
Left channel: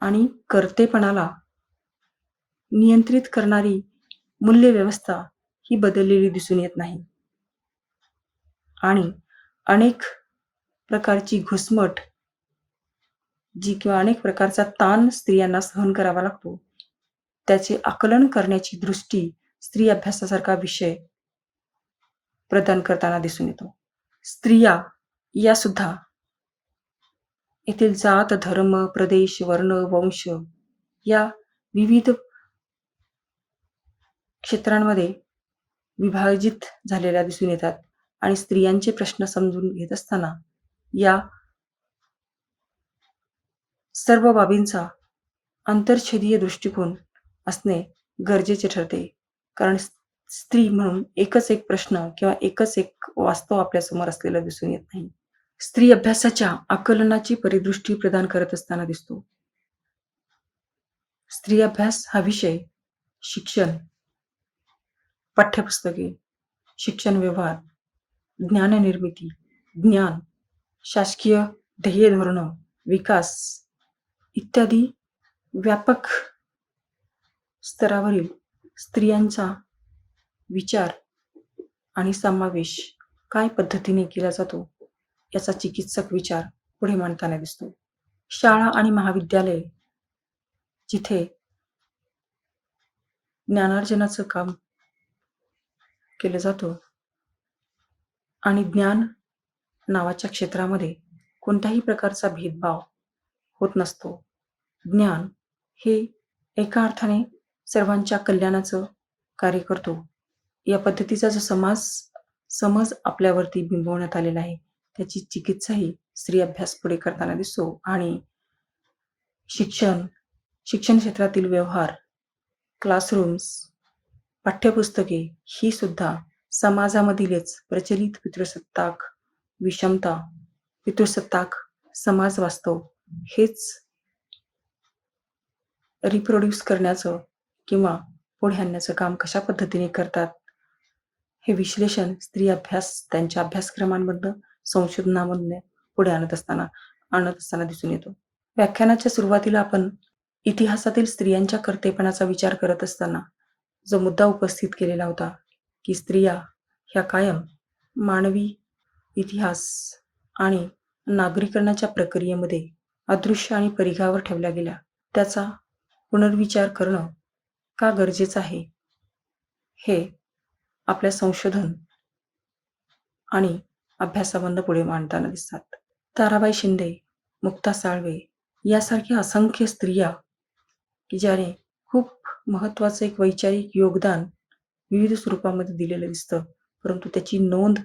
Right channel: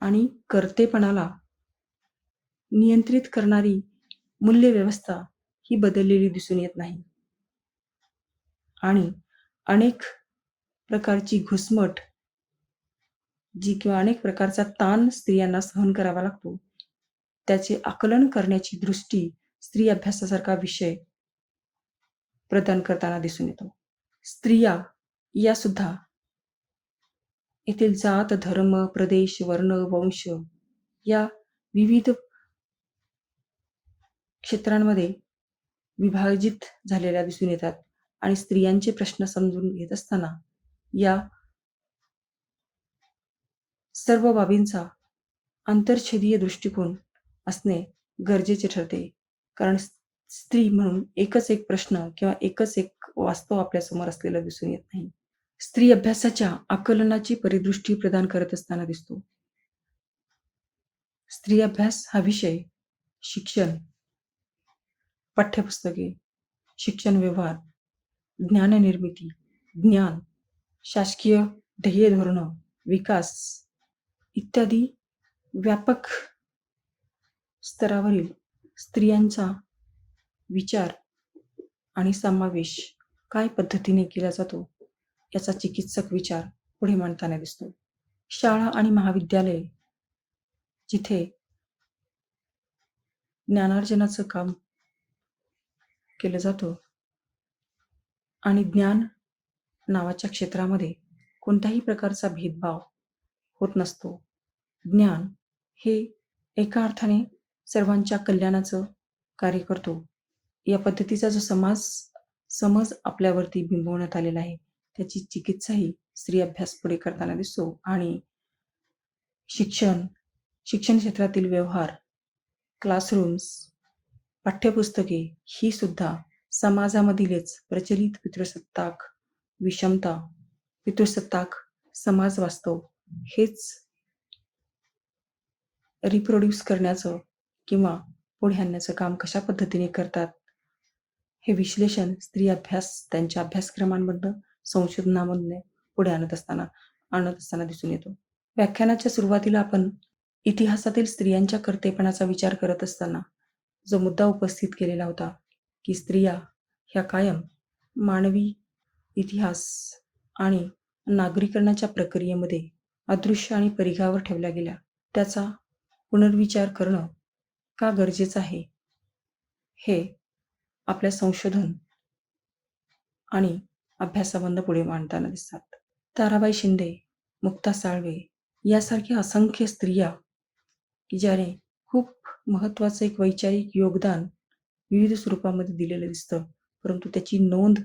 आणि कर्तेपणाला नियंत्रित करणारी मूल्यव्यवस्था ही बदललेली दिसून येत नाही. आणि अनेक प्रकारची घुसमट किंवा अनेक प्रकारचा ताण स्त्रियांना सहन करावा लागतो. त्याचे आकलन करण्याची दृष्टी स्त्री अभ्यासासारखा विषय प्रदान करताना दिसून येतो. स्त्रिया या सुद्धा येथील जात, धर्म, प्रदेश, वर्ण, वंश या विविध क्षेत्रांमध्ये विभाजित झालेल्या दिसून येतात आणि स्त्रियांचे प्रश्न समजून घेत असताना या सर्व बाबींचा अंतर्छेदीय दृष्टिकोन असणे गरजेचे ठरते. कारण स्त्री म्हणून एकच एक प्रश्न किंवा एकच एक वास्तव आपल्यासमोर असलेलं दिसून येत नाही. स्त्री अभ्यासाच्या आकलनाची परिदृष्टी प्रदान करत असताना दिसतो. स्त्री अभ्यास हा विषय शिक्षण, पाठ्यपुस्तके, शिक्षण व्यवहार, ज्ञाननिर्मिती, ज्ञान, शासकीय ध्येय धोरणं, विकास इत्यादी व्यापक स्तरावरील स्त्रियांचा विचार आणि समावेश काय पद्धतीने केला जातो याचा चिकित्सक विचार पुढे मांडताना दिसतो. शाळा आणि महाविद्यालये जिथे ज्ञानार्जनाचं काम केलं जातं आणि ज्ञान नावाच्या क्षेत्रामध्ये कोणत्याही प्रकारचा भेदभाव होत नसतो. ज्ञान हे एका अर्थाने सर्वांच्या कल्याणाचं कार्य करतो. या पद्धतीचा जो समज आपल्यावरती बिंबवण्यात आलेला आहे, त्याची चिकित्साही स्त्री अभ्यास पुढे करताना दिसतो आणि शिक्षण क्षेत्रातील व्यवहार, क्लासरूम्स, पाठ्यपुस्तके ही सुद्धा समाजामधीलच प्रचलित पितृसत्ताक विषमता, पितृसत्ताक समाज वास्तव हेच रिप्रोड्यूस करण्याचं किंवा पुढे आणण्याचं काम कशा पद्धतीने करतात, हे विश्लेषण स्त्री अभ्यास त्यांच्या अभ्यासक्रमांमधनं, संशोधनामधनं पुढे आणत असताना दिसून येतो. व्याख्यानाच्या सुरुवातीला आपण इतिहासातील स्त्रियांच्या कर्तेपणाचा विचार करत असताना जो मुद्दा उपस्थित केलेला होता, की स्त्रिया ह्या कायम मानवी इतिहास आणि नागरीकरणाच्या प्रक्रियेमध्ये अदृश्य आणि परिघावर ठेवल्या गेल्या. त्याचा पुनर्विचार करणं का गरजेचं आहे, हे आपल्या संशोधन आणि अभ्यासामधनं पुढे मांडताना दिसतात. ताराबाई शिंदे, मुक्ता साळवे, यासारख्या असंख्य स्त्रिया की ज्याने खूप महत्त्वाचं एक वैचारिक योगदान विविध स्वरूपामध्ये दिलेलं दिसतं. परंतु त्याची नोंद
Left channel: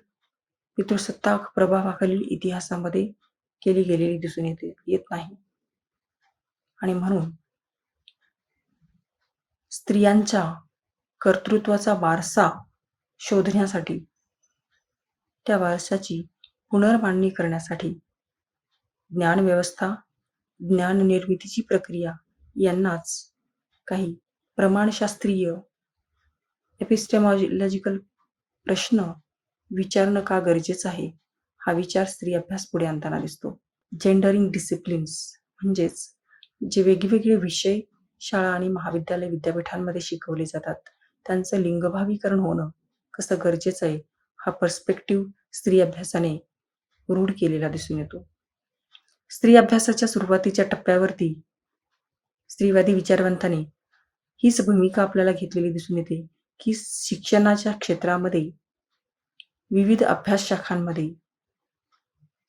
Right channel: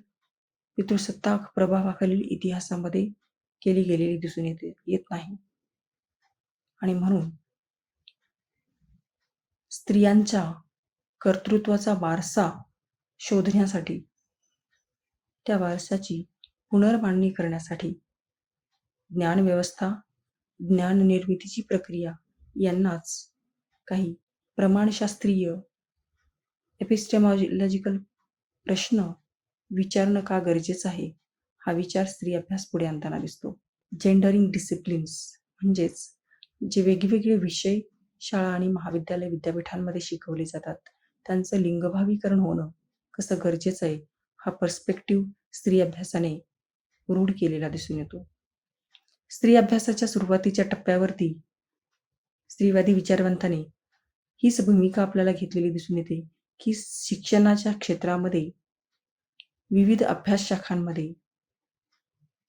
पितृसत्ताक प्रभावाखालील इतिहासामध्ये केली गेलेली दिसून येत नाही. आणि म्हणून स्त्रियांच्या कर्तृत्वाचा वारसा शोधण्यासाठी, त्या वारशाची पुनर्मांडणी करण्यासाठी ज्ञानव्यवस्था, ज्ञाननिर्मितीची प्रक्रिया यांनाच काही प्रमाणशास्त्रीय एपिस्टेमॉलॉजिकल प्रश्न विचारणं का गरजेचं आहे, हा विचार स्त्री अभ्यास पुढे आणताना दिसतो. जेंडरिंग डिसिप्लिन्स म्हणजेच जे वेगवेगळे विषय शाळा आणि महाविद्यालय विद्यापीठांमध्ये शिकवले जातात, त्यांचं लिंगभावीकरण होणं कसं गरजेचं आहे, हा पर्स्पेक्टिव्ह स्त्री अभ्यासाने रूढ केलेला दिसून येतो. स्त्री अभ्यासाच्या सुरुवातीच्या टप्प्यावरती स्त्रीवादी विचारवंताने हीच भूमिका आपल्याला घेतलेली दिसून येते की शिक्षणाच्या क्षेत्रामध्ये विविध अभ्यास शाखांमध्ये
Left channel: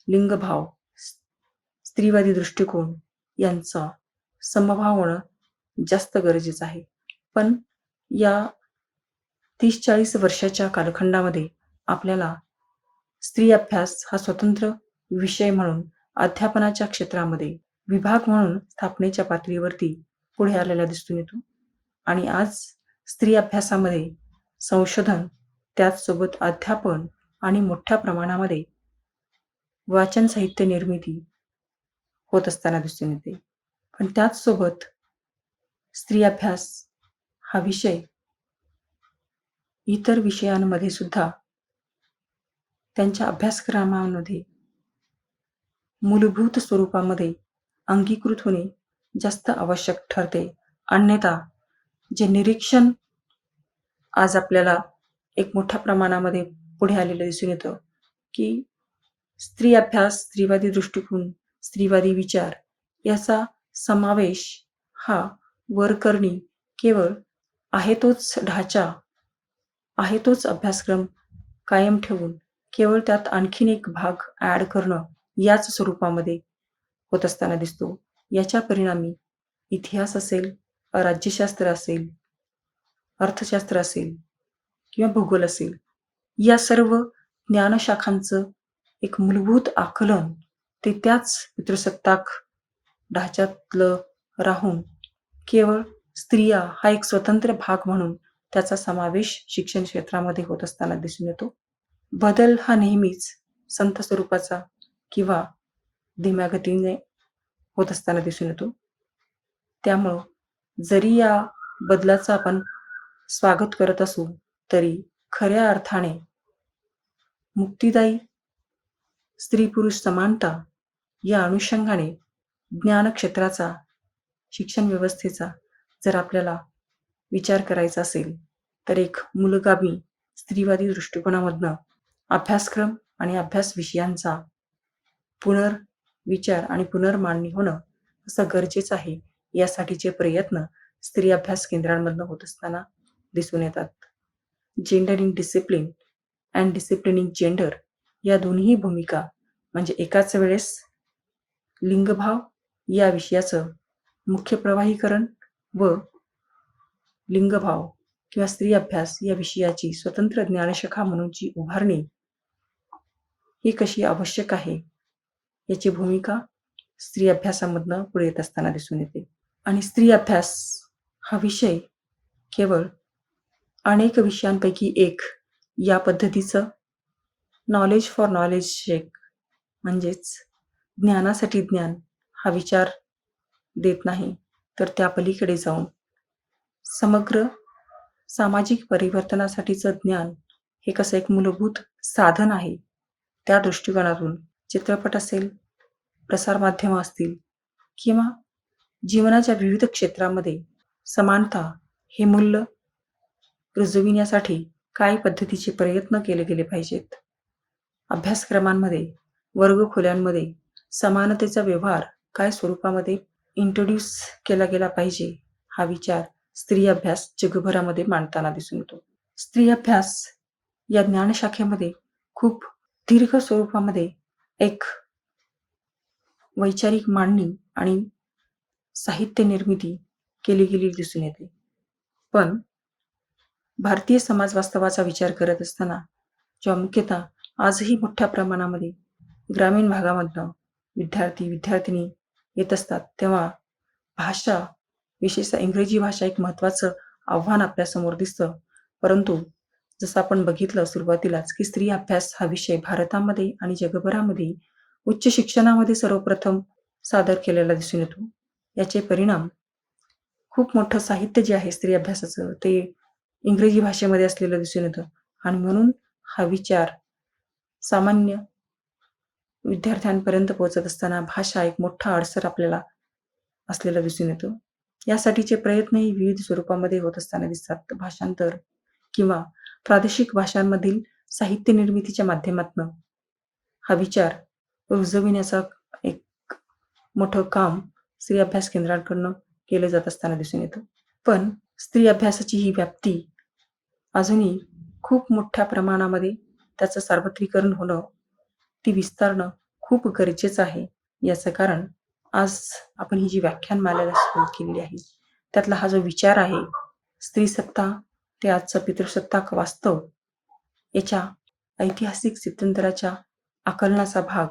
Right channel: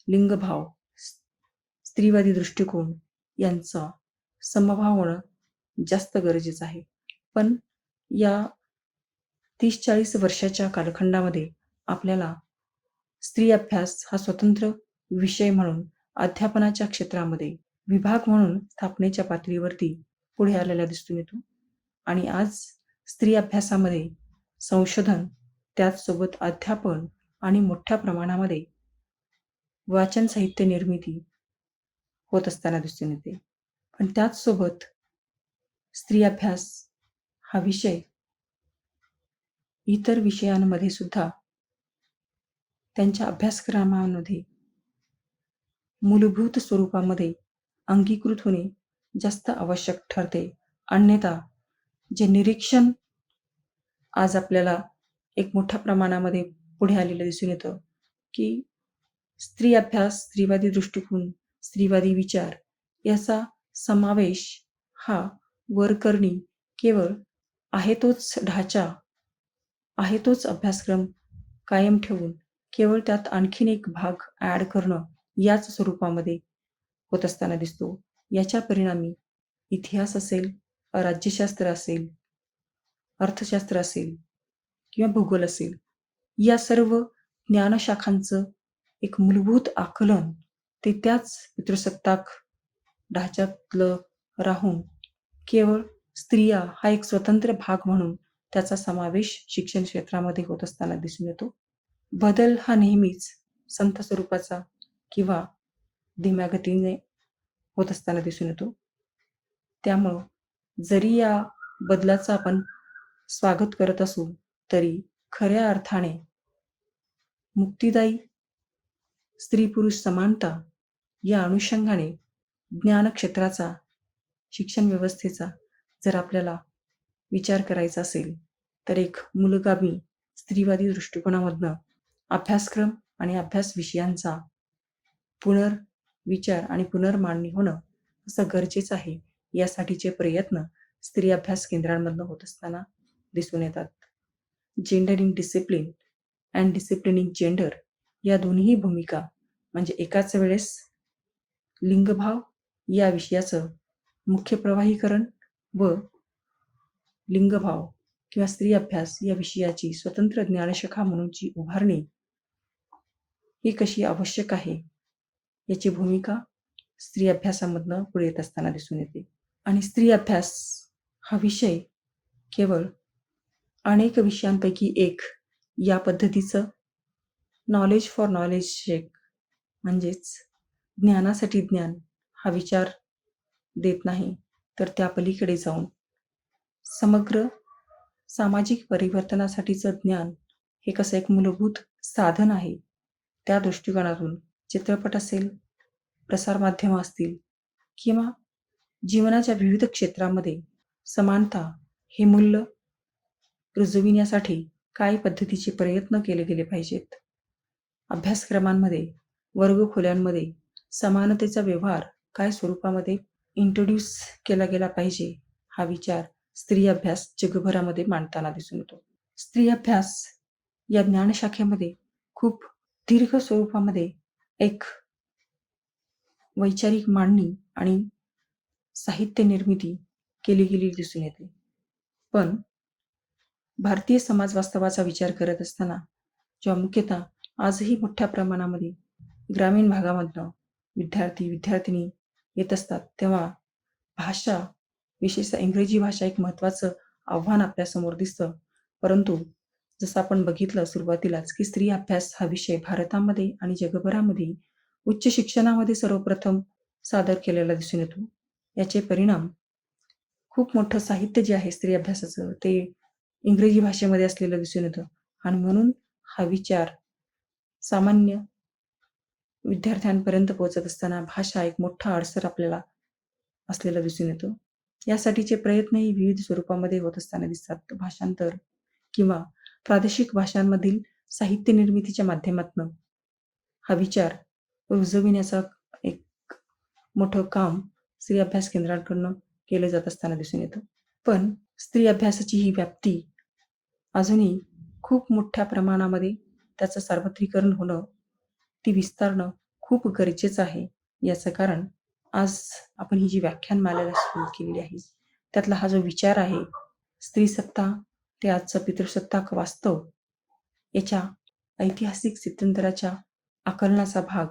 लिंगभाव, स्त्रीवादी दृष्टिकोन यांचा समभाव होणं जास्त गरजेचं आहे. पण या 30-40 वर्षाच्या कालखंडामध्ये आपल्याला स्त्री अभ्यास हा स्वतंत्र विषय म्हणून अध्यापनाच्या क्षेत्रामध्ये विभाग म्हणून स्थापनेच्या पातळीवरती पुढे आलेला दिसून येतो. आणि आज स्त्री अभ्यासामध्ये संशोधन, त्याचसोबत अध्यापन आणि मोठ्या प्रमाणामध्ये वाचन साहित्य निर्मिती होत असताना दिसून येते. पण त्याचसोबत स्त्री अभ्यास हा विषय इतर विषयांमध्ये सुद्धा त्यांच्या अभ्यासक्रमामध्ये मूलभूत स्वरूपामध्ये अंगीकृत होणे जास्त आवश्यक ठरते. अन्यथा जे निरीक्षण आज आपल्याला एक मोठ्या प्रमाणामध्ये पुढे आलेलं दिसून येतं की स्त्री अभ्यास, स्त्रीवादी दृष्टिकोन, स्त्रीवादी विचार याचा समावेश हा वरकरणी केवळ आहे तोच ढाचा, आहे तोच अभ्यासक्रम कायम ठेवून केवळ त्यात आणखीन एक भाग ॲड करणं याच स्वरूपामध्ये होत असताना दिसतो. याच्या परिणामी इतिहास असेल, राज्यशास्त्र असेल, अर्थशास्त्र असेल किंवा भूगोल असेल, या सर्व ज्ञानशाखांचं एक मूलभूत आकलन ते त्याच पितृसत्ताक ढाच्यातलं राहून केवळ स्त्रिया हा एक स्वतंत्र भाग म्हणून त्याचा समावेश शिक्षण क्षेत्रामध्ये होत असताना दिसून येतो. बदल हा नेहमीच संथ स्वरूपाचा किंवा धीम्या गतीने होत असताना दिसून येतो. त्यामुळं जरी या बदलाचं आपण स्वागत करत असू तरी खऱ्या अर्थाने मुक्तिदायी स्त्री-पुरुष समानता या अनुषंगाने ज्ञानक्षेत्राचा, शिक्षण व्यवस्थेचा जर आपल्याला विचार करायचा असेल तर एक मूलगामी स्त्रीवादी दृष्टिकोनामधनं अभ्यासक्रम आणि अभ्यास विषयांचा पुनर्विचार आणि पुनर्मांडणी होणं असं गरजेचं आहे. यासाठीचे प्रयत्न स्त्री अभ्यास केंद्रांमधनं होत असताना दिसून येतात. Gender in discipline and disciplining gender या दोन्ही भूमिका म्हणजे एकाच वेळेस लिंगभाव या विषयाचं मुख्य प्रवाहीकरण व लिंगभाव किंवा स्त्री अभ्यास या विषयाची स्वतंत्र ज्ञानशाखा म्हणूनची उभारणी ही कशी आवश्यक आहे याची भूमिका स्त्री अभ्यासामधनं पुढे येत असताना दिसून येते. आणि स्त्री अभ्यास हा विषय केवळ अनेक विषयांपैकी एक या पद्धतीचं नॉलेज फॉर नॉलेज शेक म्हणजेच ज्ञानासाठी ज्ञान हा विचार देत नाही, तर त्या पलीकडे जाऊन समग्र सामाजिक परिवर्तनासाठीचं ज्ञान हे कसं एक मूलभूत साधन आहे. त्या दृष्टिकोनातून चित्रपट असेल, प्रसारमाध्यमं असतील किंवा जीवनाच्या विविध क्षेत्रामध्ये समानता हे मूल्य रुजविण्यासाठी काय पद्धतीचे प्रयत्न केले गेले पाहिजेत. अभ्यासक्रमांमध्ये, वर्गखोल्यांमध्ये समानतेचा व्यवहार काय स्वरूपामध्ये इंट्रोड्यूस केला गेला पाहिजे, हा विचार स्त्री अभ्यास जगभरामध्ये मांडताना दिसून येतो. स्त्री अभ्यास या ज्ञानशाखेमध्ये खूप दीर्घ स्वरूपामध्ये एक वैचारिक मांडणी आणि साहित्य निर्मिती केली गेलेली दिसून येते. पण भारतीय समाज वास्तवाचा विचार करत असताना जेव्हा मुख्यतः आजही मोठ्या प्रमाणामध्ये ग्रामीण भागामधनं विद्यार्थी-विद्यार्थिनी येत असतात, तेव्हा भाषा, विशेषतः इंग्रजी भाषा एक महत्त्वाचं आव्हान आपल्यासमोर दिसतं. परंतु जसं आपण बघितलं सुरुवातीलाच, की स्त्री अभ्यास हा विषय भारतामध्ये आणि जगभरामध्ये उच्च शिक्षणामध्ये सर्वप्रथम सादर केलेला दिसून येतो. याचे परिणाम खूप मोठं साहित्य जे आहे स्त्री अभ्यासाचं, ते इंग्रजी भाषेमध्ये असलेलं दिसून येतं आणि म्हणून हा विचार सामान्य विद्यार्थ्यांपर्यंत पोहोचत असताना भाषा एक मोठा अडसर आपल्याला असलेला दिसून येतो. यासाठीचे प्रयत्नही विविध स्वरूपामध्ये होत असताना दिसतात. भाषांतर किंवा प्रादेशिक भाषांमधील साहित्य निर्मितीच्या माध्यमातनं हा विचार रुजविण्याचा एक मोठं काम स्त्री अभ्यास केंद्रांकडून केलं जात असताना दिसून येतं. पण स्त्री अभ्यासाची ही व्याप्ती अजूनही खूप मोठ्या प्रमाणामध्ये त्याचं सार्वत्रिकरण होणं, ती विस्तारणं खूप गरजेचं आहे. याचं कारण आज आपण ही जी व्याख्यानमालेला सुरू केलेली आहे, त्यातला हा जो विचार आहे, स्त्रीसत्ता ते आजचं पितृसत्ताक वास्तव याच्या ऐतिहासिक स्थित्यंतराच्या आकलनाचा भाग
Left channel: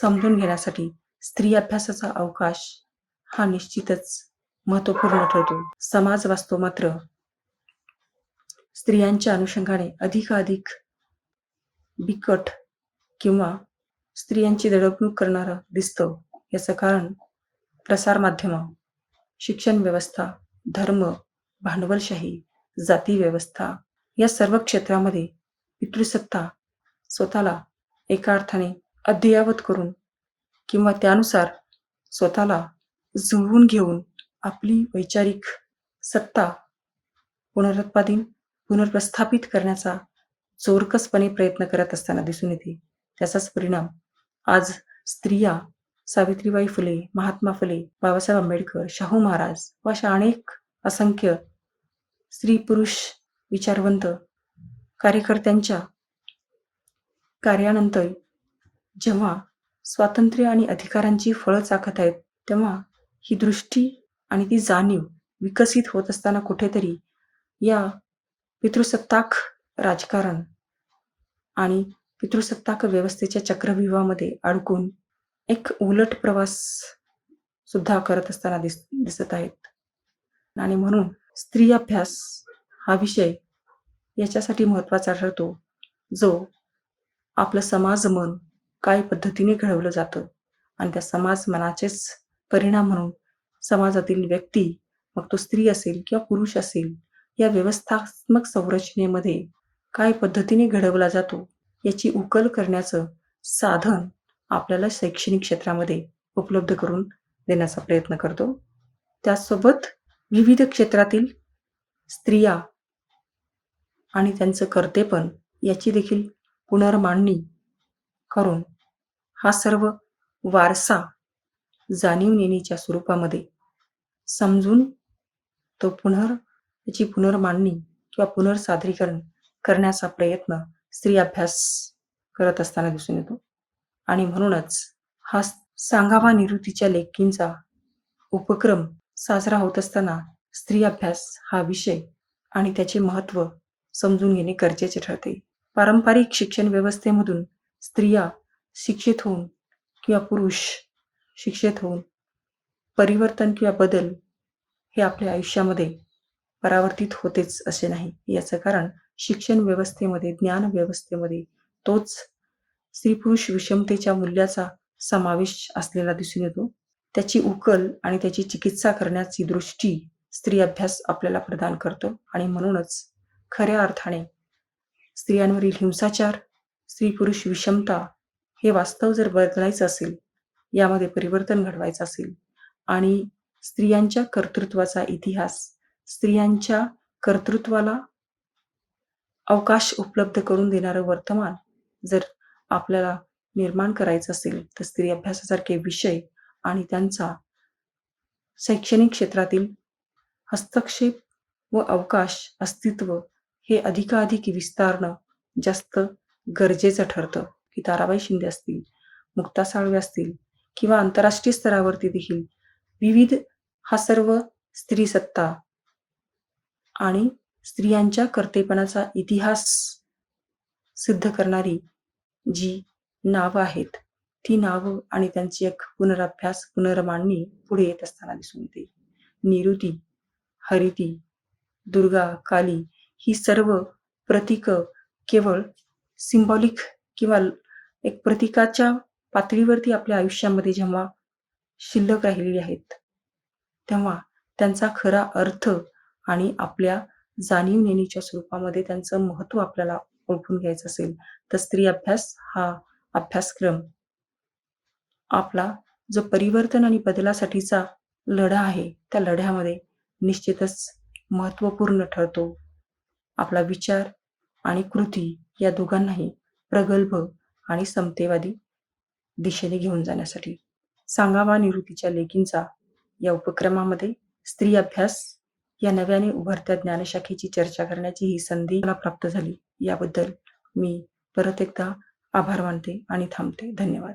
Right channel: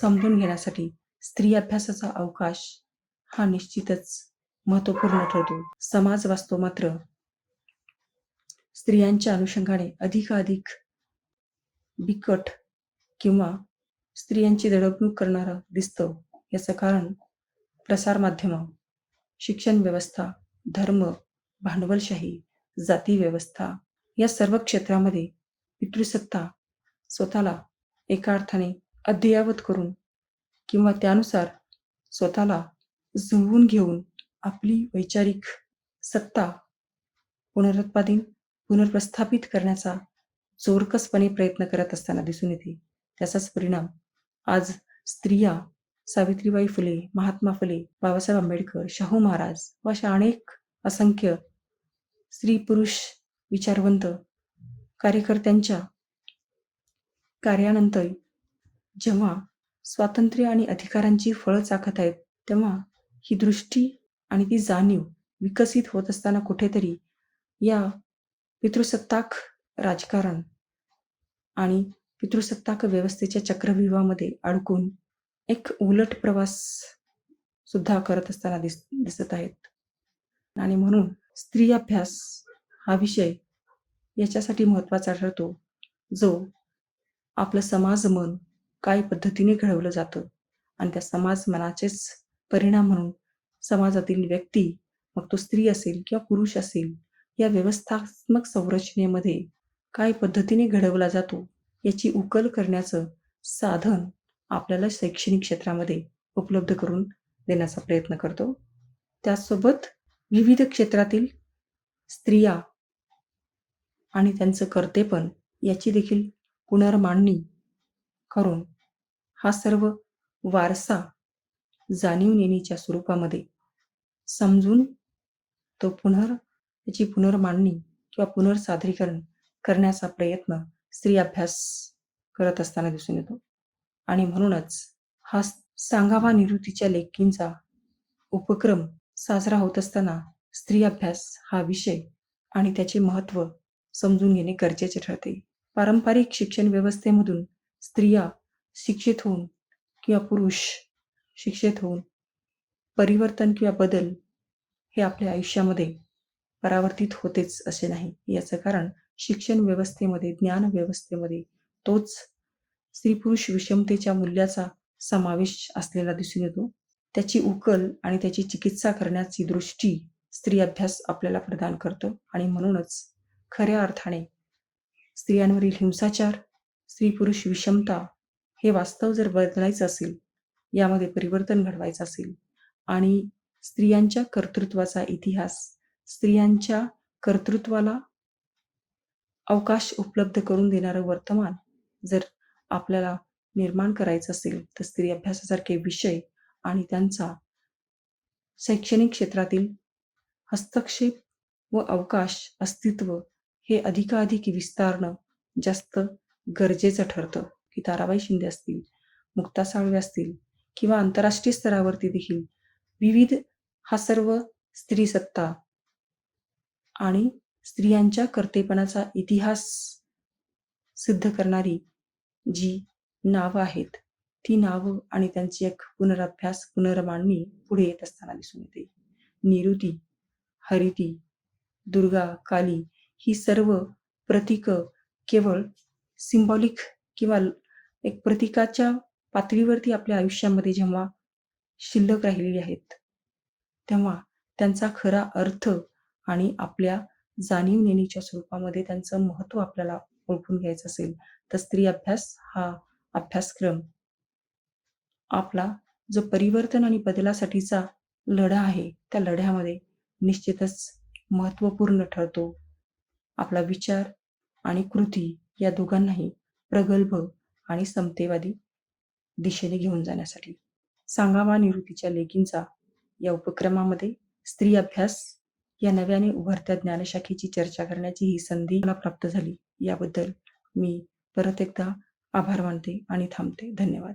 समजून घेण्यासाठी स्त्री अभ्यासाचा अवकाश हा निश्चितच महत्त्वपूर्ण ठरतो. समाज वास्तव मात्र स्त्रियांच्या अनुषंगाने अधिकाधिक बिकट किंवा स्त्रियांची दडपणूक करणारं दिसतं. याचं कारण प्रसारमाध्यमं, शिक्षण व्यवस्था, धर्म, भांडवलशाही, जाती व्यवस्था या सर्व क्षेत्रामध्ये पितृसत्ता स्वतःला एका अर्थाने अद्ययावत करून किंवा त्यानुसार स्वतःला जुळवून घेऊन आपली वैचारिक सत्ता पुनर्प्रस्थापित करण्याचा जोरकसपणे प्रयत्न करत असताना दिसून येते. त्याचाच परिणाम आज स्त्रिया सावित्रीबाई फुले, महात्मा फुले, बाबासाहेब आंबेडकर, शाहू महाराज व अशा अनेक असंख्य स्त्री-पुरुष विचारवंत कार्यकर्त्यांच्या कार्यानंतर जेव्हा स्वातंत्र्य आणि अधिकारांची फळं चाखत आहेत, तेव्हा ही दृष्टी आणि ती जाणीव विकसित होत असताना कुठेतरी या पितृसत्ताक राजकारण आणि पितृसत्ताक व्यवस्थेच्या चक्रव्यूहामध्ये अडकून एक उलट प्रवास सुद्धा करत असताना दिसत आहेत. आणि म्हणून स्त्री अभ्यास हा विषय याच्यासाठी महत्त्वाचा ठरतो, जो आपलं समाज मन काय पद्धतीने घडवलं जातं आणि त्या समाज मनाचेच परिणाम म्हणून समाजातील व्यक्ती, मग तो स्त्री असेल किंवा पुरुष असेल, या व्यवस्थात्मक संरचनेमध्ये काय पद्धतीने घडवला जातो याची उकल करण्याचं साधन आपल्याला शैक्षणिक क्षेत्रामध्ये उपलब्ध करून देण्याचा प्रयत्न करतो. त्याचसोबत विविध क्षेत्रातील स्त्रिया आणि त्यांचं कर्तेपण याची देखील पुनर्मांडणी करून हा सर्व वारसा जाणीव-नेणीच्या स्वरूपामध्ये समजून तो त्याची पुनर्मांडणी किंवा पुनर्सादरीकरण करण्याचा प्रयत्न स्त्री अभ्यास करत असताना दिसून येतो. आणि म्हणूनच हा सांगावा निवृत्तीच्या लेकींचा उपक्रम साजरा होत असताना स्त्री अभ्यास हा विषय आणि त्याचे महत्त्व समजून घेणे गरजेचे ठरते. पारंपरिक शिक्षण व्यवस्थेमधून स्त्रिया शिक्षित होऊन किंवा पुरुष शिक्षित होऊन परिवर्तन किंवा बदल हे आपल्या आयुष्यामध्ये परावर्तित होतेच असे नाही. याचं कारण शिक्षण व्यवस्थेमध्ये, ज्ञान व्यवस्थेमध्ये तोच स्त्री-पुरुष विषमतेच्या मूल्याचा समावेश असलेला दिसून येतो. त्याची उकल आणि त्याची चिकित्सा करण्याची दृष्टी स्त्री अभ्यास आपल्याला प्रदान करतो आणि म्हणूनच खऱ्या अर्थाने स्त्रियांवरील हिंसाचार, स्त्री-पुरुष विषमता हे वास्तव जर बदलायचं असेल, यामध्ये परिवर्तन घडवायचं असेल आणि स्त्रियांच्या कर्तृत्वाचा इतिहास, स्त्रियांच्या कर्तृत्वाला अवकाश उपलब्ध करून देणारं वर्तमान जर आपल्याला निर्माण करायचं असेल, तर स्त्री अभ्यासासारखे विषय आणि त्यांचा शैक्षणिक क्षेत्रातील हस्तक्षेप व अवकाश अस्तित्व हे अधिकाधिक विस्तारणं जास्त गरजेचं ठरतं. की ताराबाई शिंदे असतील, मुक्ता साळवे असतील किंवा आंतरराष्ट्रीय स्तरावरती देखील विविध हा सर्व स्त्रीसत्ता आणि स्त्रियांच्या कर्तेपणाचा इतिहास सिद्ध करणारी जी नावं आहेत, ती नावं आणि त्यांची एक पुनरअभ्यास, पुनर्मांडणी पुढे येत असताना दिसून येते. निरुती, हरिती, दुर्गा, काली ही सर्व प्रतीकं केवळ सिम्बॉलिक किंवा एक प्रतीकाच्या पातळीवरती आपल्या आयुष्यामध्ये जेव्हा शिल्लक राहिलेली आहेत, तेव्हा त्यांचा खरा अर्थ आणि आपल्या जाणीव-नेणीच्या स्वरूपामध्ये त्यांचं महत्त्व आपल्याला ओळखून घ्यायचं असेल, तर स्त्री अभ्यास हा अभ्यासक्रम आपला जो परिवर्तन आणि बदलासाठीचा लढा आहे, त्या लढ्यामध्ये निश्चितच महत्त्वपूर्ण ठरतो. आपला विचार आणि कृती या दोघांनाही प्रगल्भ आणि समतेवादी दिशेने घेऊन जाण्यासाठी. सांगावा निवृत्तीच्या लेकींचा या उपक्रमामध्ये स्त्री अभ्यास या नव्याने उभरत्या ज्ञानशाखेची चर्चा करण्याची ही संधी मला प्राप्त झाली. याबद्दल मी परत एकदा आभार मानते आणि थांबते. धन्यवाद.